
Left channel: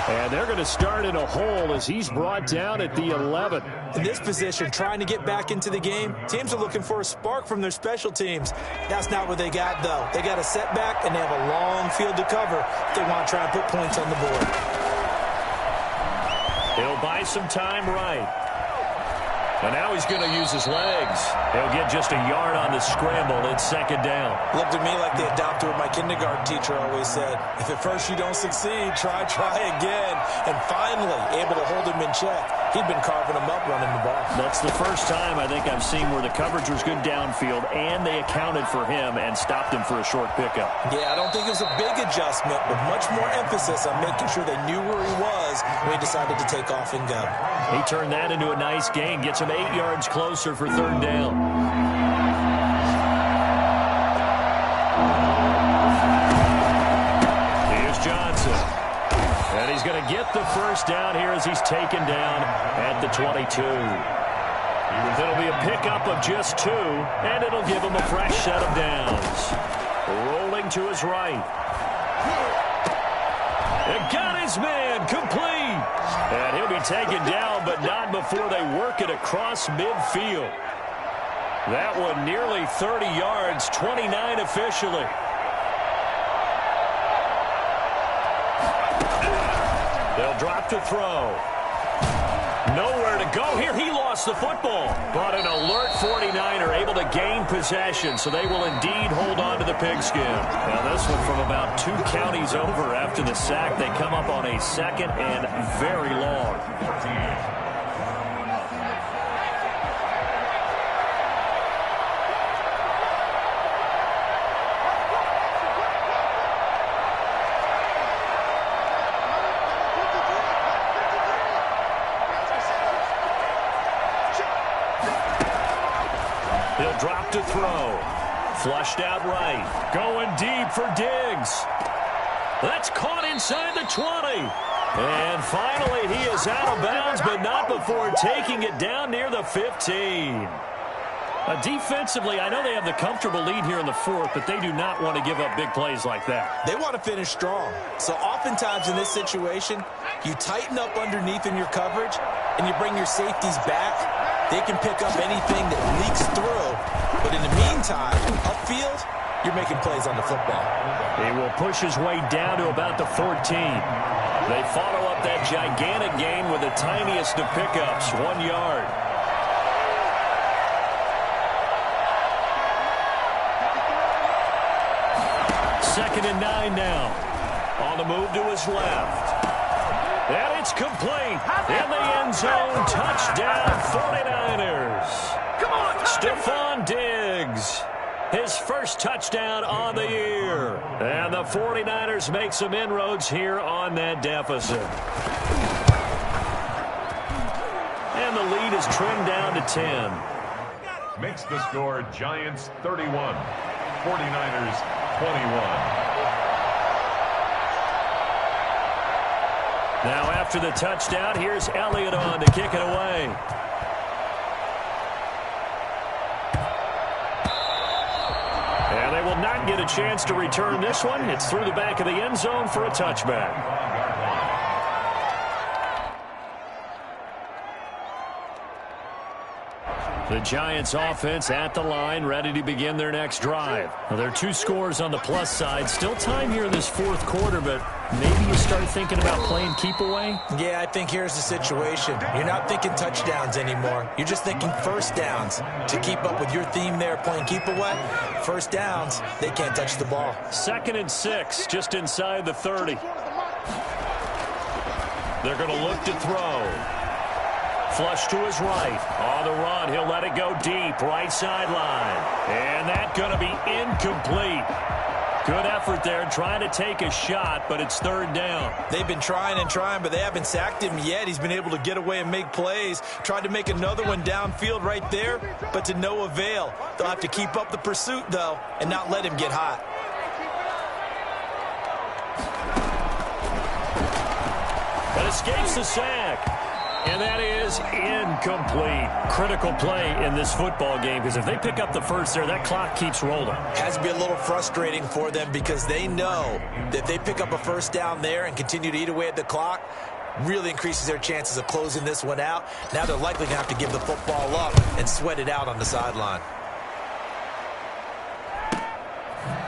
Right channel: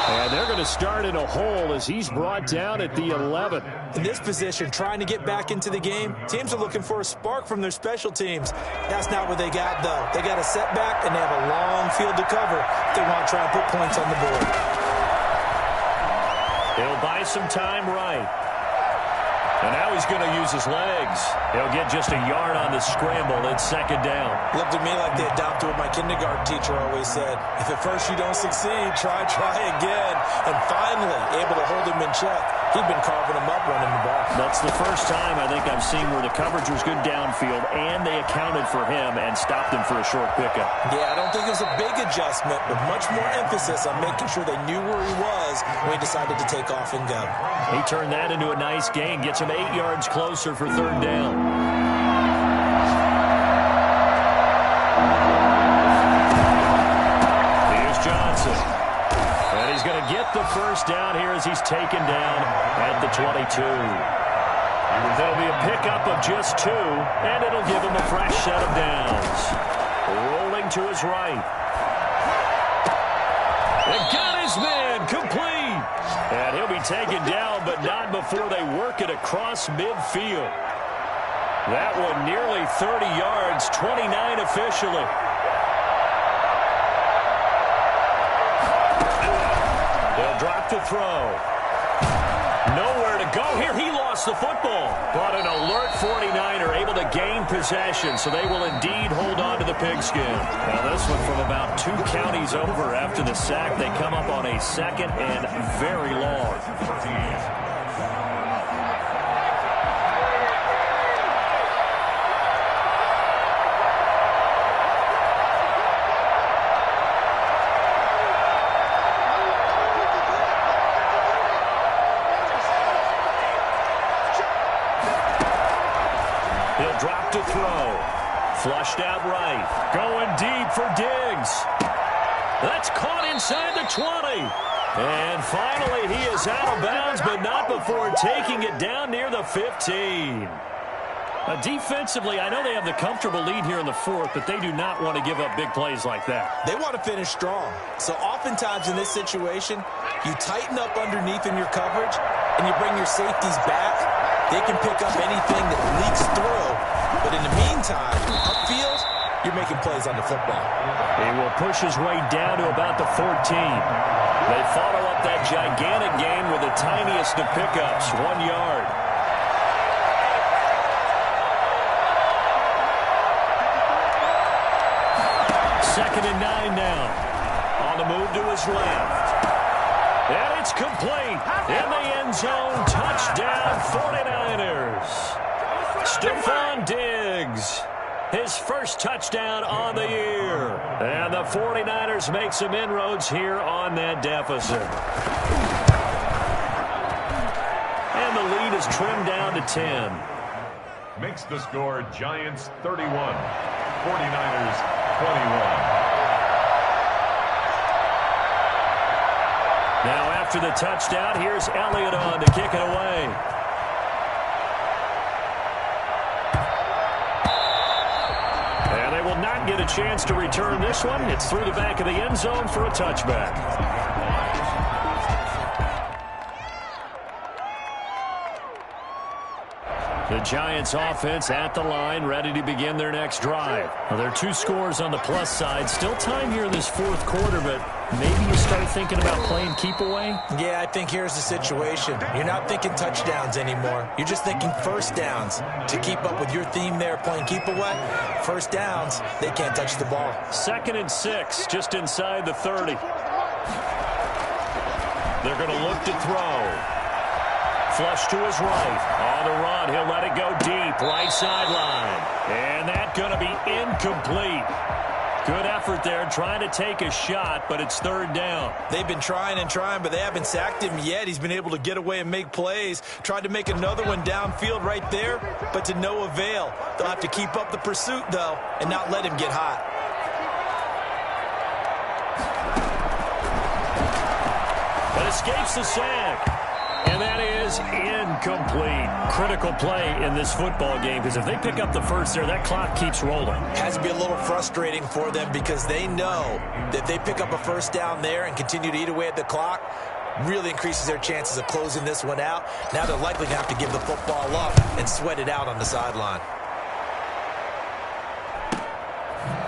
And they're going to start in a hole as he's brought down at the 11. In this position, trying to get back into the game, teams are looking for a spark from their special teams. That's not what they got, though. They got a setback, and they have a long field to cover if they want to try and put points on the board. He'll buy some time right. And now he's going to use his legs. He'll get just a yard on the scramble. It's 2nd down. Looked to me like they adopted what my kindergarten teacher always said. If at first you don't succeed, try again. And finally, able to hold him in check. He'd been carving him up running the ball. That's the first time I think I've seen where the coverage was good downfield, and they accounted for him and stopped him for a short pickup. Yeah, I don't think it was a big adjustment, but much more emphasis on making sure they knew where he was when he decided to take off and go. He turned that into a nice gain, gets him 8 yards closer for 3rd down. Here's Johnson. And he's going to get the first down here as he's taken down at the 22. It'll be a pickup of just 2, and it'll give him a fresh set of downs. Rolling to his right. It got his man complete. And he'll be taken down, but not before they work it across midfield. That one nearly 30 yards, 29 officially. They'll drop to throw. Nowhere to go here. He lost the football. But an alert 49er able to gain possession, so they will indeed hold on to the pigskin. Now this one from about 2 counties over after the sack. They come up on a 2nd and very long. He'll drop to throw. Flushed out right. Going deep for Diggs. That's caught inside the 20. And finally, he is out of bounds, but not before taking it down near the 15. Defensively, I know they have the comfortable lead here in the 4th, but they do not want to give up big plays like that. They want to finish strong. So oftentimes in this situation, you tighten up underneath in your coverage, and you bring your safeties back. They can pick up anything that leaks through. But in the meantime, upfield, you're making plays on the football. He will push his way down to about the 14. They follow up that gigantic gain with the tiniest of pickups, 1 yard. Second and 9 now. On the move to his left. And it's complete. In the end zone. Touchdown 49ers. Stephon Diggs. His first touchdown on the year. And the 49ers make some inroads here on that deficit. And the lead is trimmed down to 10. Makes the score Giants 31, 49ers 21. Now after the touchdown, here's Elliott on to kick it away. And they will not get a chance to return this one. It's through the back of the end zone for a touchback. The Giants offense at the line, ready to begin their next drive. Well, there are 2 scores on the plus side. Still time here in this 4th quarter, but maybe you start thinking about playing keep away? Yeah, I think here's the situation. You're not thinking touchdowns anymore. You're just thinking first downs. To keep up with your theme there, playing keep away, first downs, they can't touch the ball. 2nd and 6, just inside the 30. They're going to look to throw. Flush to his right. On the run, he'll let it go deep. Right sideline. And that's going to be incomplete. Good effort there, trying to take a shot, but it's 3rd down. They've been trying and trying, but they haven't sacked him yet. He's been able to get away and make plays. Tried to make another one downfield right there, but to no avail. They'll have to keep up the pursuit, though, and not let him get hot. But escapes the sack. And that is incomplete. Critical play in this football game, because if they pick up the first there, that clock keeps rolling. Has to be a little frustrating for them because they know that if they pick up a first down there and continue to eat away at the clock, really increases their chances of closing this one out. Now they're likely going to have to give the football up and sweat it out on the sideline.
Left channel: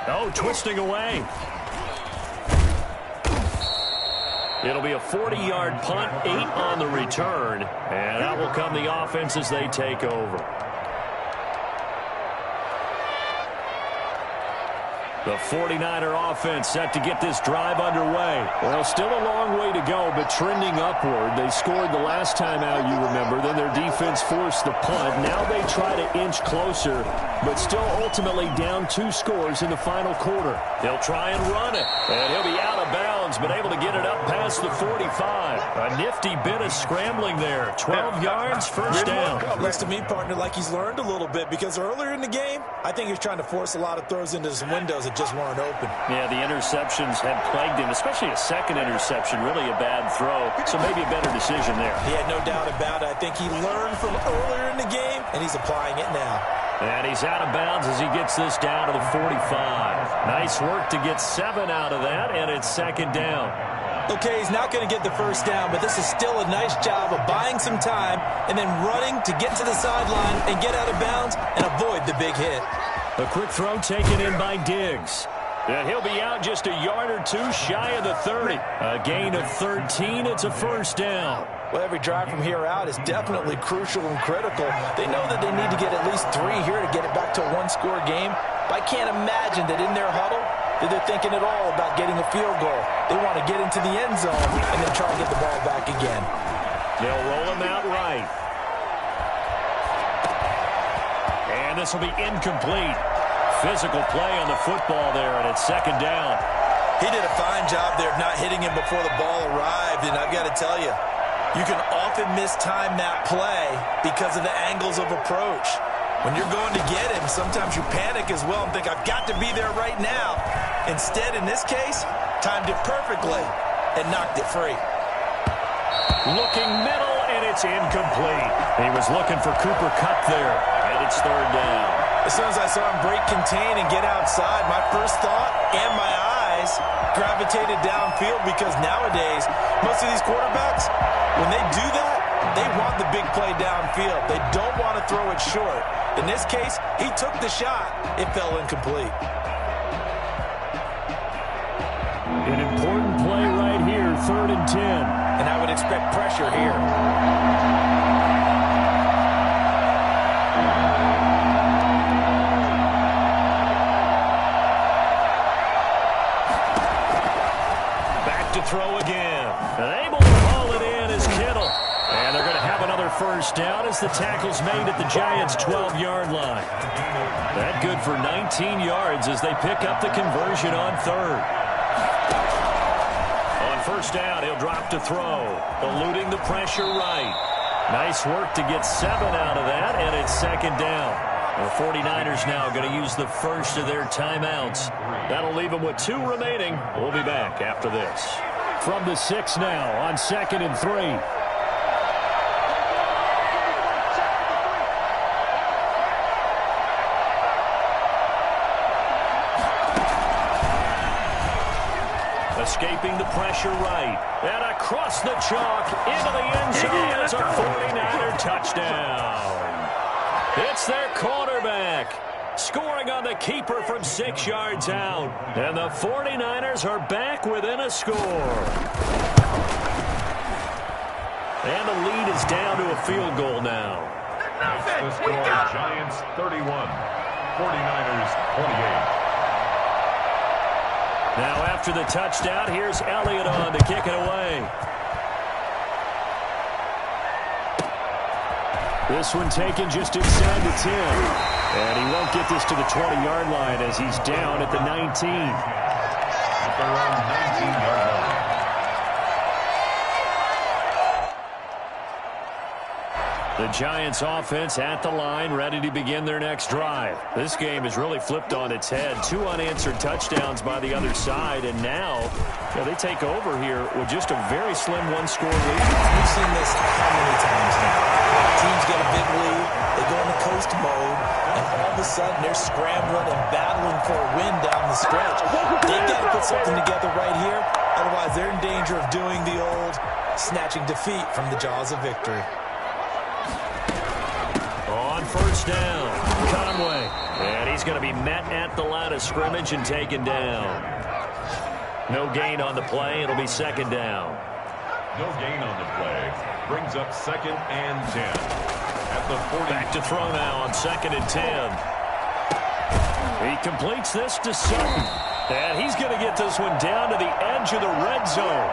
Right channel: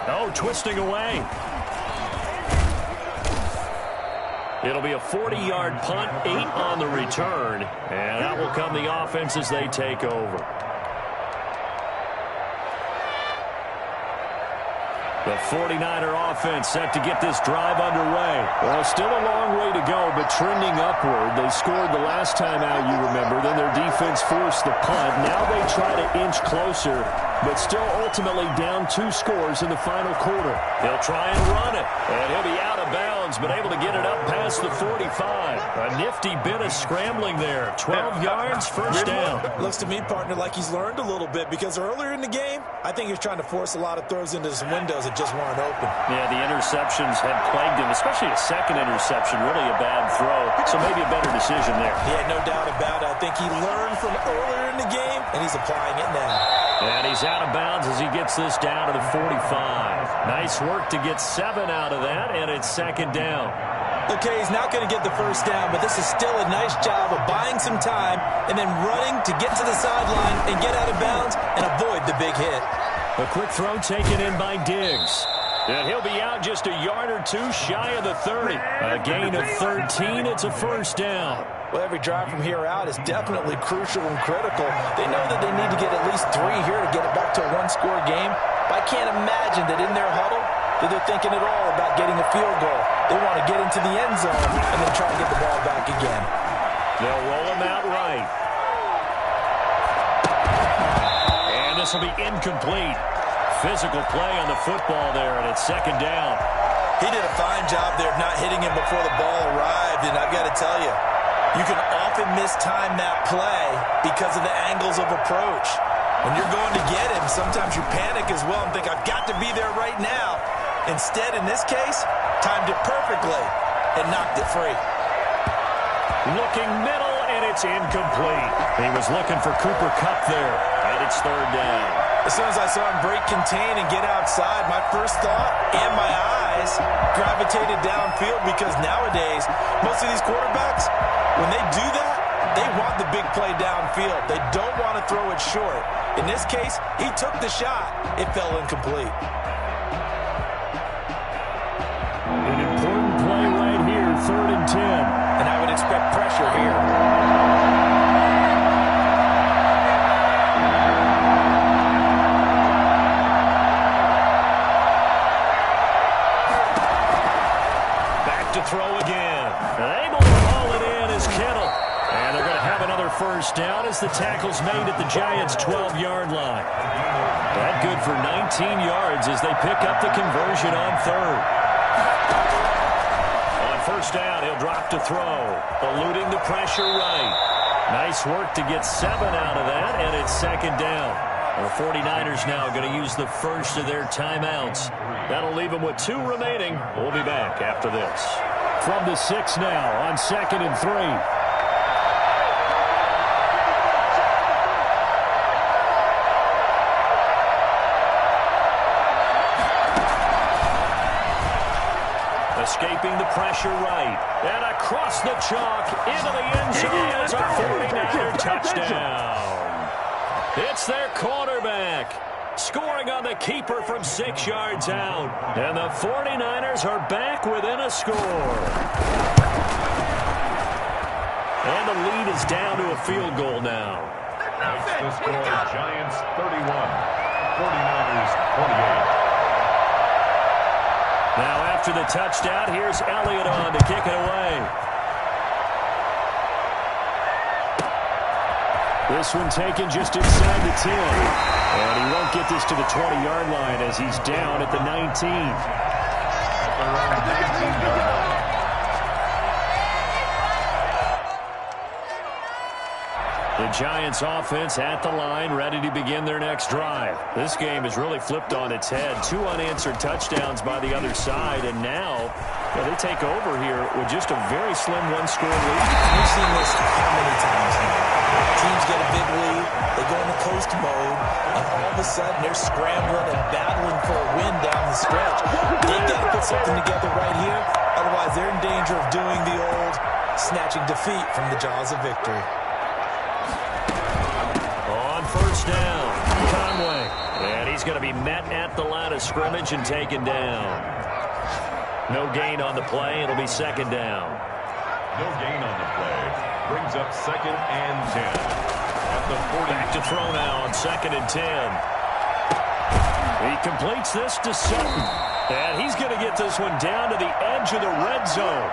Oh, twisting away. It'll be a 40-yard punt, 8 on the return, and that will come the offense as they take over. The 49er offense set to get this drive underway. Well, still a long way to go, but trending upward. They scored the last time out, you remember. Then their defense forced the punt. Now they try to inch closer, but still ultimately down 2 scores in the final quarter. He'll try and run it, and he'll be out of bounds, but able to get it up past the 45. A nifty bit of scrambling there. 12 yards, first down. Looks to me, partner, like he's learned a little bit, because earlier in the game, I think he was trying to force a lot of throws into some windows that just weren't open. Yeah, the interceptions had plagued him, especially a second interception, really a bad throw. So maybe a better decision there. Yeah, no doubt about it. I think he learned from earlier in the game, and he's applying it now. And he's out of bounds as he gets this down to the 45. Nice work to get 7 out of that, and it's second down. Okay, he's not going to get the first down, but this is still a nice job of buying some time and then running to get to the sideline and get out of bounds and avoid the big hit. A quick throw taken in by Diggs. And he'll be out just a yard or 2 shy of the 30. A gain of 13. It's a first down. Well, every drive from here out is definitely crucial and critical. They know that they need to get at least 3 here to get it back to a one-score game. But I can't imagine that in their huddle that they're thinking at all about getting a field goal. They want to get into the end zone and then try to get the ball back again. They'll roll him out right. And this will be incomplete. Physical play on the football there, and it's second down. He did a fine job there of not hitting him before the ball arrived, and I've got to tell you, you can often mistime that play because of the angles of approach. When you're going to get him, sometimes you panic as well and think, I've got to be there right now. Instead, in this case, timed it perfectly and knocked it free. Looking middle, and it's incomplete. He was looking for Cooper Kupp there, and it's third down. As soon as I saw him break contain and get outside, my first thought and my eyes gravitated downfield because nowadays, most of these quarterbacks, when they do that, they want the big play downfield. They don't want to throw it short. In this case, he took the shot. It fell incomplete. An important play right here, 3rd and 10. And I would expect pressure here. To throw again. And able to haul it in is Kittle. And they're going to have another first down as the tackle's made at the Giants' 12-yard line. That good for 19 yards as they pick up the conversion on 3rd. On first down, he'll drop to throw. Eluding the pressure right. Nice work to get 7 out of that, and it's second down. The 49ers now going to use the first of their timeouts. That'll leave them with 2 remaining. We'll be back after this. From the 6 now on 2nd and 3. Escaping the pressure right. And across the chalk into the end zone. It's a 49er touchdown. It's their quarterback. Scoring on the keeper from 6 yards out. And the 49ers are back within a score. And the lead is down to a field goal now. Makes the score Giants 31, 49ers 28. Now after the touchdown, here's Elliott on to kick it away. This one taken just inside the 10. And he won't get this to the 20-yard line as he's down at the 19. At their own 19-yard line. The Giants offense at the line, ready to begin their next drive. This game has really flipped on its head. 2 unanswered touchdowns by the other side, and now they take over here with just a very slim 1-score lead. We've seen this how many times now? Teams get a big lead, they go into coast mode, and all of a sudden they're scrambling and battling for a win down the stretch. They've got to put something together right here, otherwise they're in danger of doing the old snatching defeat from the jaws of victory. On first down, Conway. And he's going to be met at the line of scrimmage and taken down. No gain on the play. It'll be second down. No gain on the play. Brings up 2nd and 10. At the 40. Back to throw now on 2nd and 10. He completes this to Sutton. And he's going to get this one down to the edge of the red zone.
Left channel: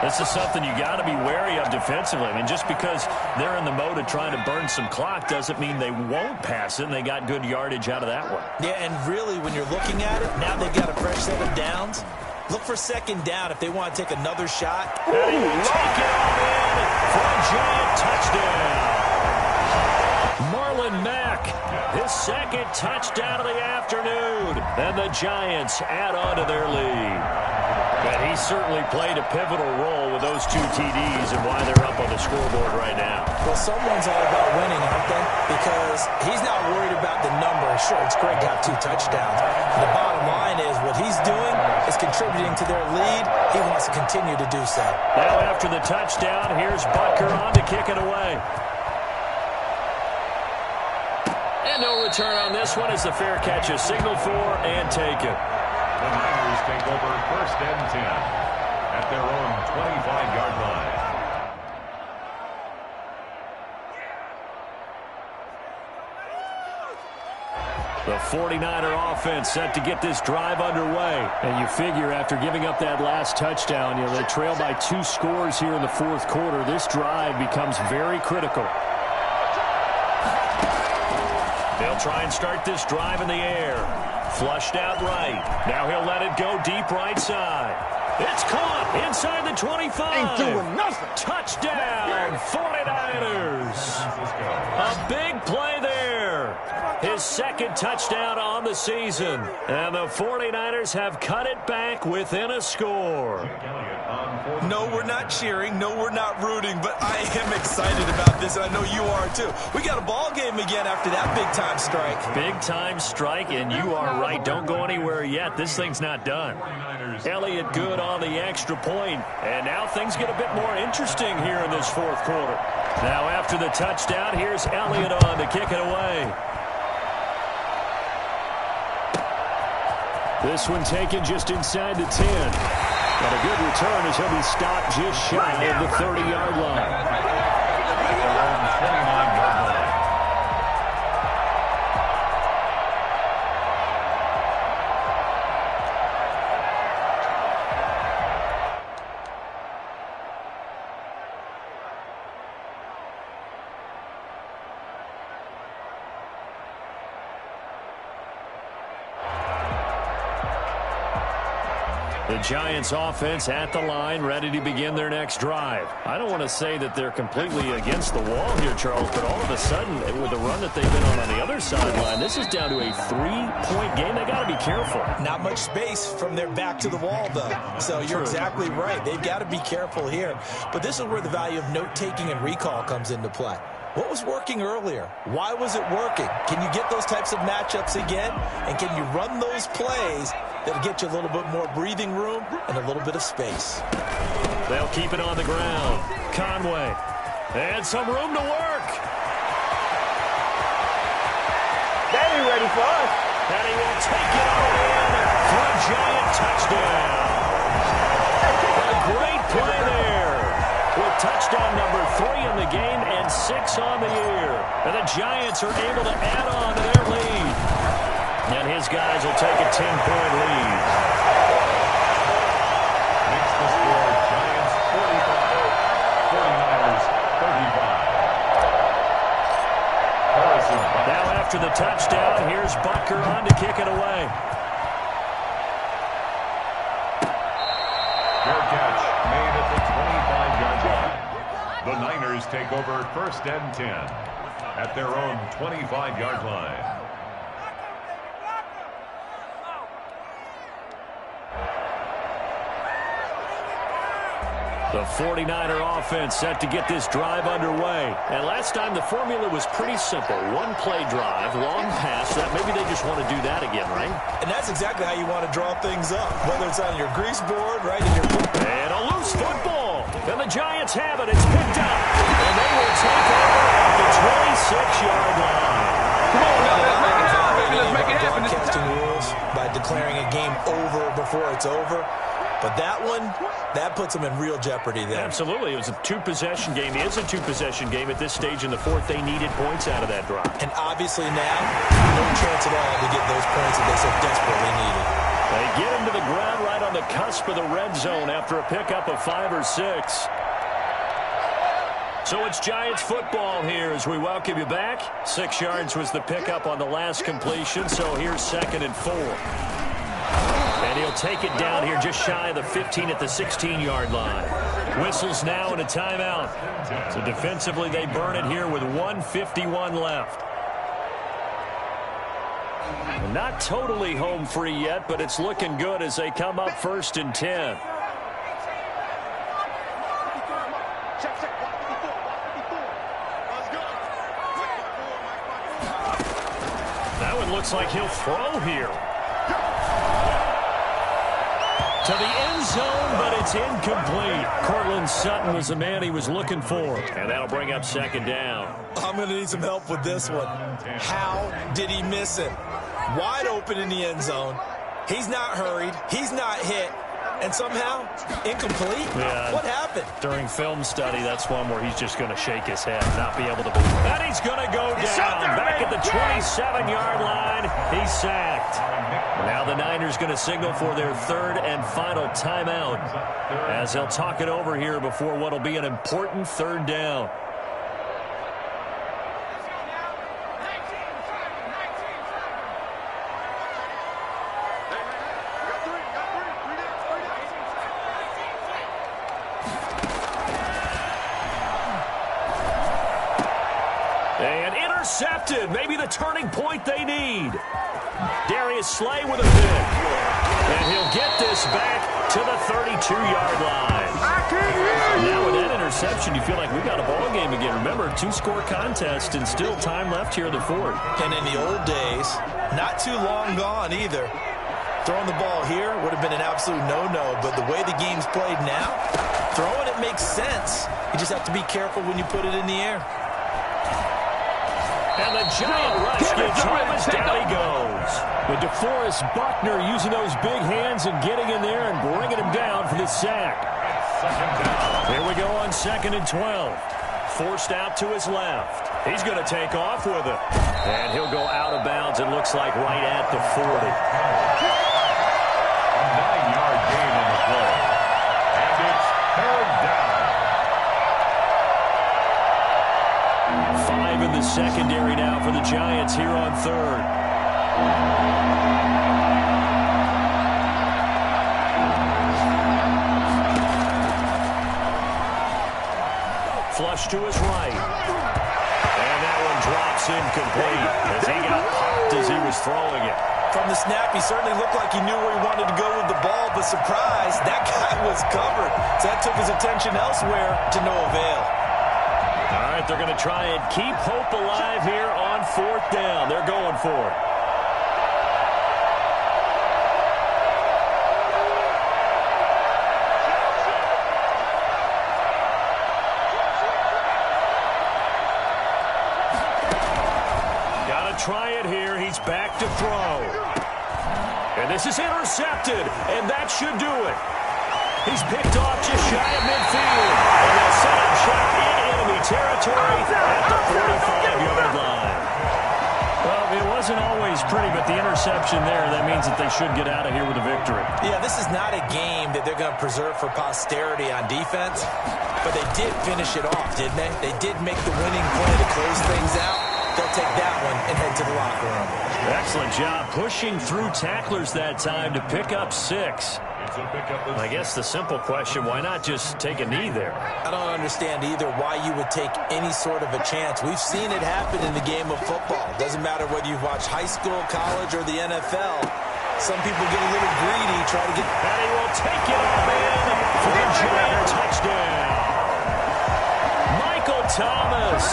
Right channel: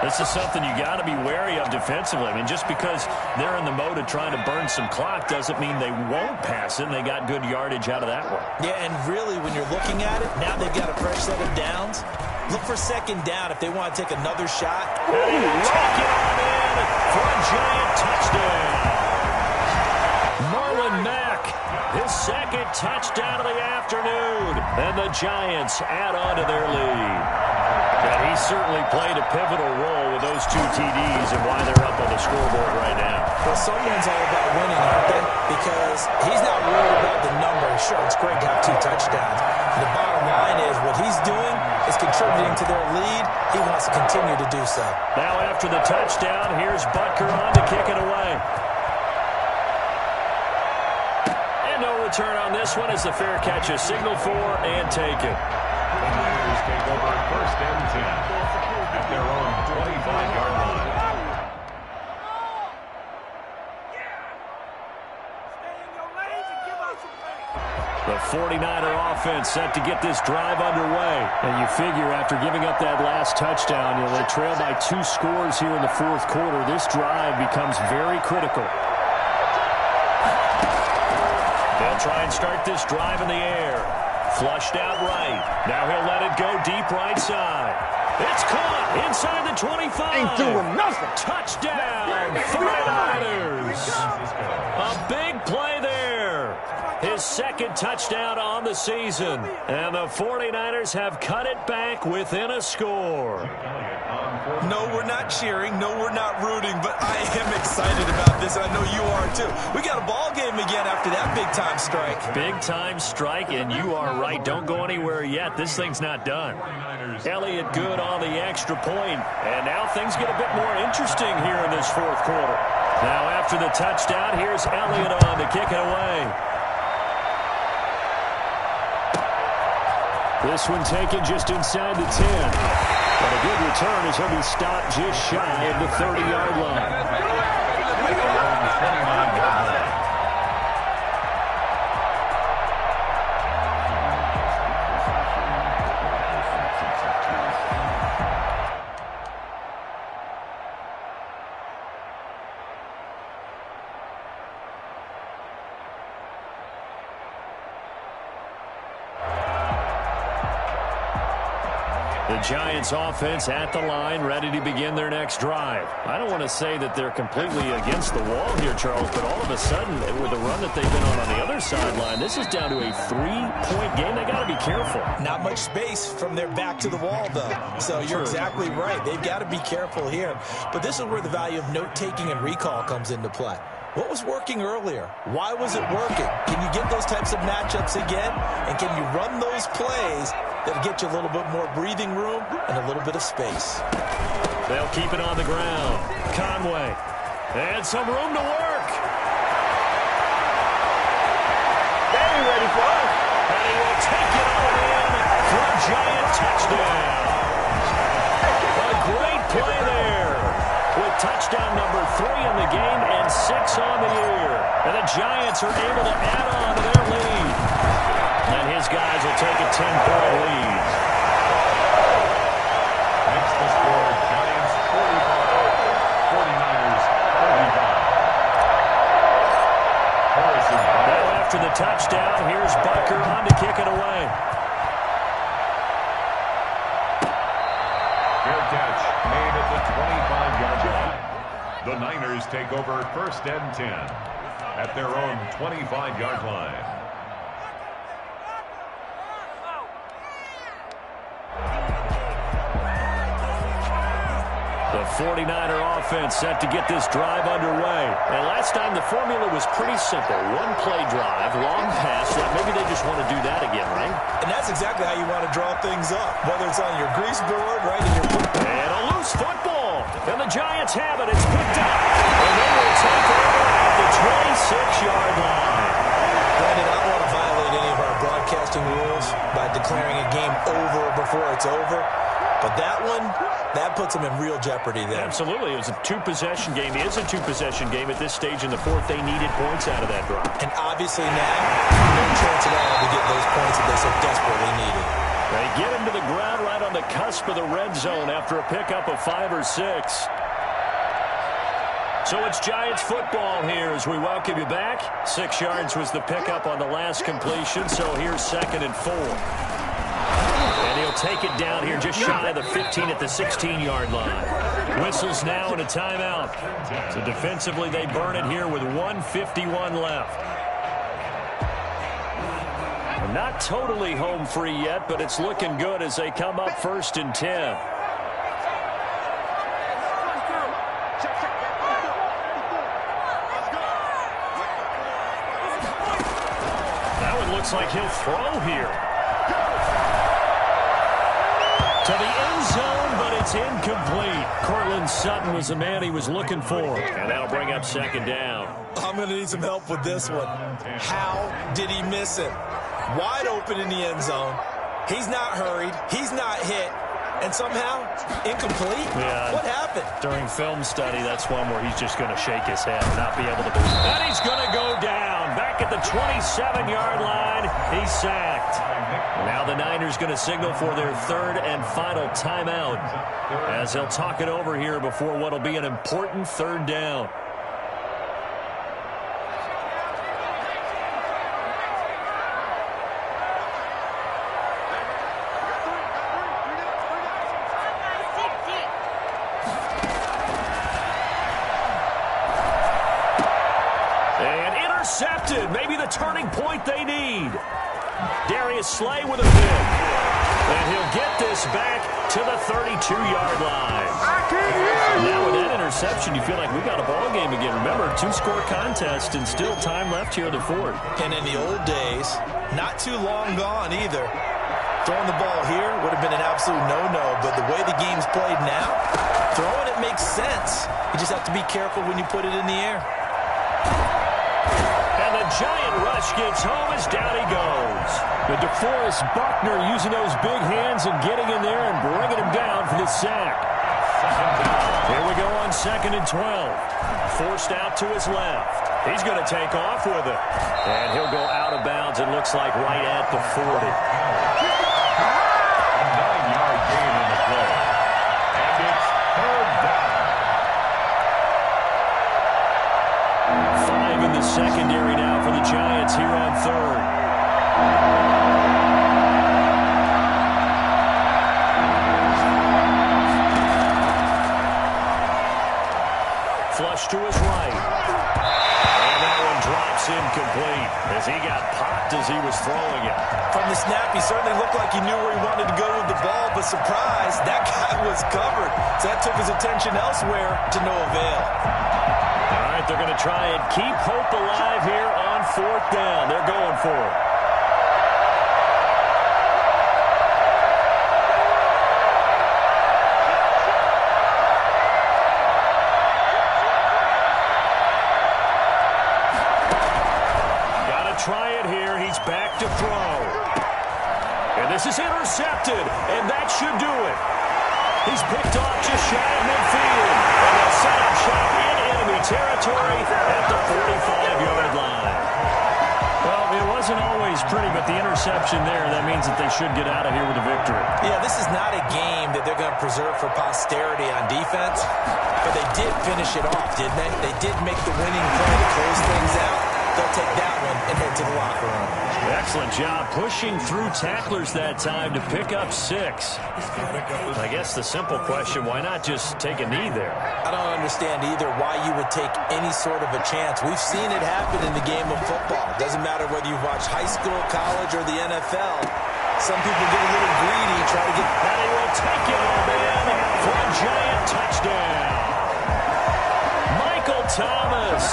This is something you got to be wary of defensively. I mean, just because they're in the mode of trying to burn some clock doesn't mean they won't pass it, and they got good yardage out of that one. Yeah, and really, when you're looking at it, now they've got a fresh set of downs. Look for second down if they want to take another shot. And he will take it on in for a Giant touchdown. Marlon Mack, his 2nd touchdown of the afternoon. And the Giants add on to their lead. And he certainly played a pivotal role with those 2 TDs and why they're up on the scoreboard right now. Well, someone's all about winning, aren't they? Because he's not worried about the number. Sure, it's great to have 2 touchdowns. The bottom line is what he's doing is contributing to their lead. He wants to continue to do so. Now after the touchdown, here's Butker on to kick it away. And no return on this one as the fair catch is signaled for and taken. The Niners take over 1st and 10 at their own 25-yard line. The 49er offense set to get this drive underway. And you figure after giving up that last touchdown, they trail by 2 scores here in the fourth quarter. This drive becomes very critical. They'll try and start this drive in the air. Flushed out right. Now he'll let it go deep right side. It's caught inside the 25. Ain't doing nothing. Touchdown, 49ers. A big play there. His second touchdown on the season. And the 49ers have cut it back within a score. No, we're not cheering. No, we're not rooting. But I am excited about this, and I know you are too. We got a ball game again after that big-time strike. Big-time strike, and you are right. Don't go anywhere yet. This thing's not done. Elliott good on the extra point. And now things get a bit more interesting here in this fourth quarter. Now after the touchdown, here's Elliott on to kick it away. This one taken just inside the 10. And a good return as he'll be stopped just shy of the 30-yard line. At their own 29-yard line. The Giants offense at the line, ready to begin their next drive. I don't want to say that they're completely against the wall here, Charles, but all of a sudden, with the run that they've been on the other sideline, this is down to a 3-point game. They got to be careful. Not much space from their back to the wall, though. So you're exactly right. They've got to be careful here. But this is where the value of note-taking and recall comes into play. What was working earlier? Why was it working? Can you get those types of matchups again? And can you run those plays that'll get you a little bit more breathing room and a little bit of space? They'll keep it on the ground. Conway. And some room to work. They ain't ready for us. And he will take it on in for a Giant touchdown. A great play there. With touchdown number 3 in the game and 6 on the year. And the Giants are able to add on to their lead. And his guys will take a 10-point lead. Makes the score Giants 45, 49ers 35. Harrison Butker. Now after the touchdown, here's Butker on to kick it away. Fair catch made at the 25-yard line. The Niners take over 1st and 10 at their own 25-yard line. The 49er offense set to get this drive underway. And last time the formula was pretty simple. One-play drive, long pass. That maybe they just want to do that again, right? And that's exactly how you want to draw things up, whether it's on your grease board, right in your... And a loose football. And the Giants have it. It's picked up. And they will take over at the 26-yard line. Brandon, I don't want to violate any of our broadcasting rules by declaring a game over before it's over. But that one, that puts them in real jeopardy there. Absolutely. It was a 2-possession game. It is a 2-possession game at this stage in the fourth. They needed points out of that drive. And obviously now, no chance at all to get those points that they so desperately needed. They get him to the ground right on the cusp of the red zone after a pickup of 5 or 6. So it's Giants football here as we welcome you back. 6 yards was the pickup on the last completion, so here's 2nd and 4. And he'll take it down here just shy of the 15 at the 16-yard line. Whistles now and a timeout. So defensively they burn it here with 1:51 left. And not totally home free yet, but it's looking good as they come up 1st and 10. That one looks like he'll throw here. To the end zone, but it's incomplete. Cortland Sutton was the man he was looking for. And that'll bring up 2nd down. I'm going to need some help with this one. How did he miss him? Wide open in the end zone. He's not hurried. He's not hit. and somehow incomplete? Yeah. What happened? During film study, that's one where he's just going to shake his head, not be able to believe it. And he's going to go down. Back at the 27-yard line, he's sacked. Now the Niners going to signal for their third and final timeout as they'll talk it over here before what will be an important third down. And intercepted. Maybe the turning point they need. Darius Slay with a pick. And he'll get this back to the 32-yard line. Now with that interception, you feel like we got a ball game again. Remember, 2-score contest and still time left here in the fourth. And in the old days, not too long gone either. Throwing the ball here would have been an absolute no-no, but the way the game's played now, throwing it makes sense. You just have to be careful when you put it in the air. And the giant rush gets home as down he goes. With DeForest Buckner using those big hands and getting in there and bringing him down for the sack. Here we go on 2nd and 12. Forced out to his left. He's going to take off with it. And he'll go out of bounds, it looks like right at the 40. A 9-yard gain on the play. And it's third down. 5 in the secondary now for the Giants here on third. Flush to his right. And that one drops incomplete as he got popped as he was throwing it. From the snap, he certainly looked like he knew where he wanted to go with the ball, but surprise, that guy was covered. So that took his attention elsewhere to no avail. All right, they're going to try and keep hope alive here on 4th down. They're going for it. Got to try it here. He's back to throw. And this is intercepted, and that should do it. He's picked off just shy of midfield. And they'll set up shop in enemy territory at the 45-yard line. Well, it wasn't always pretty, but the interception there, that means that they should get out of here with a victory. Yeah, this is not a game that they're going to preserve for posterity on defense, but they did finish it off, didn't they? They did make the winning play to close things out. They'll take that one and head to the locker room. Excellent job pushing through tacklers that time to pick up 6. I guess the simple question, why not just take a knee there? I don't understand either why you would take any sort of a chance. We've seen it happen in the game of football. Doesn't matter whether you've watched high school, college, or the NFL. Some people get a little greedy, try to get... And he will take it all in for a giant touchdown. Michael Thomas,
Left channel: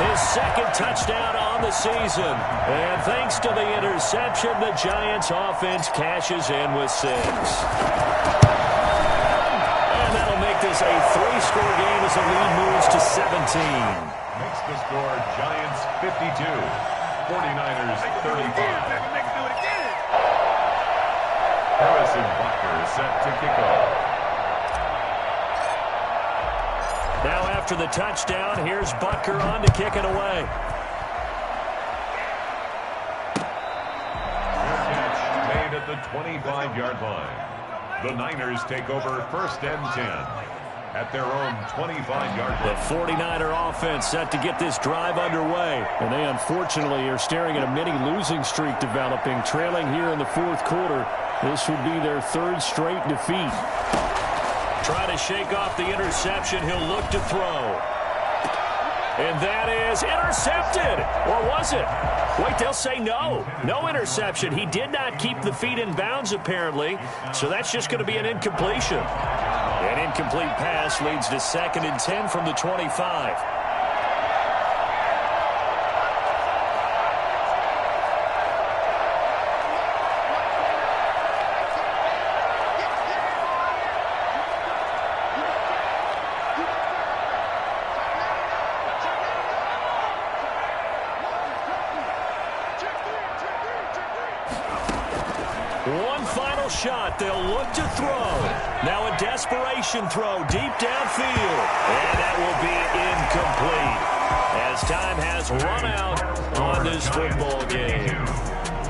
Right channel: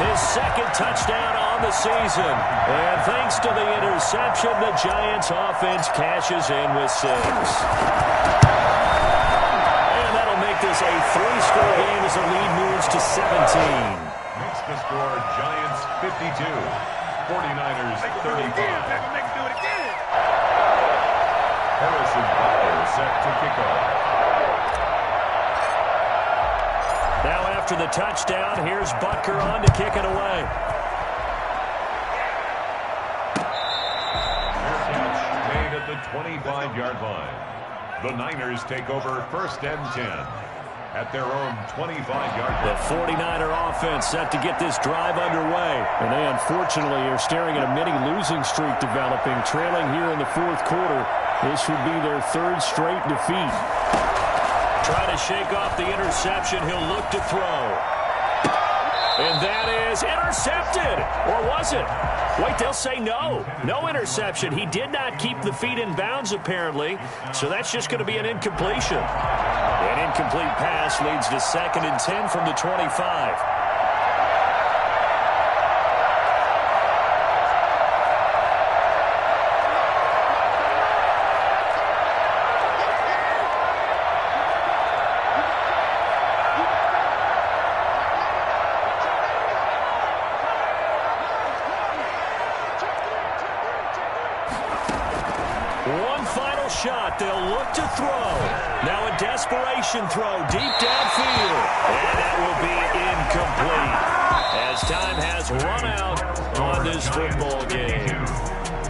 his 2nd touchdown on the season. And thanks to the interception, the Giants offense cashes in with 6. And that'll make this a 3-score game as the lead moves to 17. Makes the score Giants 52, 49ers 35. Harrison Butker set to kick off. Now after the touchdown, here's Butker on to kick it away. Fair catch made at the 25-yard line. The Niners take over 1st and 10 at their own 25-yard line. The 49er offense set to get this drive underway. And they unfortunately are staring at a mini losing streak developing, trailing here in the 4th quarter. This would be their 3rd straight defeat. Try to shake off the interception. He'll look to throw. And that is intercepted. Or was it? Wait, they'll say no. No interception. He did not keep the feet in bounds, apparently. So that's just going to be an incompletion. An incomplete pass leads to 2nd and 10 from the 25. final shot. They'll look to throw. Now a desperation throw deep downfield. And that will be incomplete as time has run out on this football game.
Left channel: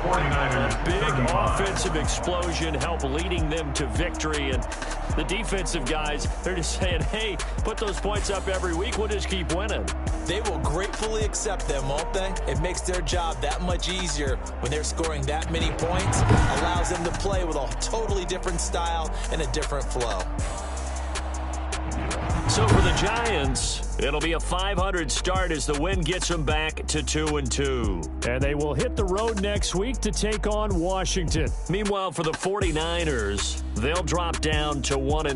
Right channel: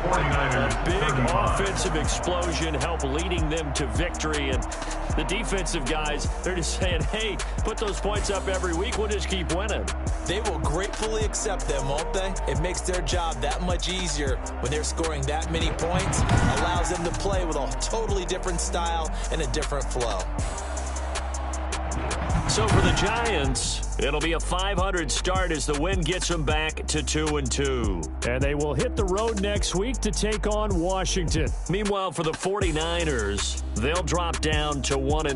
A big offensive explosion helped leading them to victory. And the defensive guys, they're just saying, hey, put those points up every week. We'll just keep winning. They will gratefully accept them, won't they? It makes their job that much easier when they're scoring that many points. Allows them to play with a totally different style and a different flow. So for the Giants, it'll be a .500 start as the win gets them back to 2-2. And they will hit the road next week to take on Washington. Meanwhile, for the 49ers, they'll drop down to 1-2.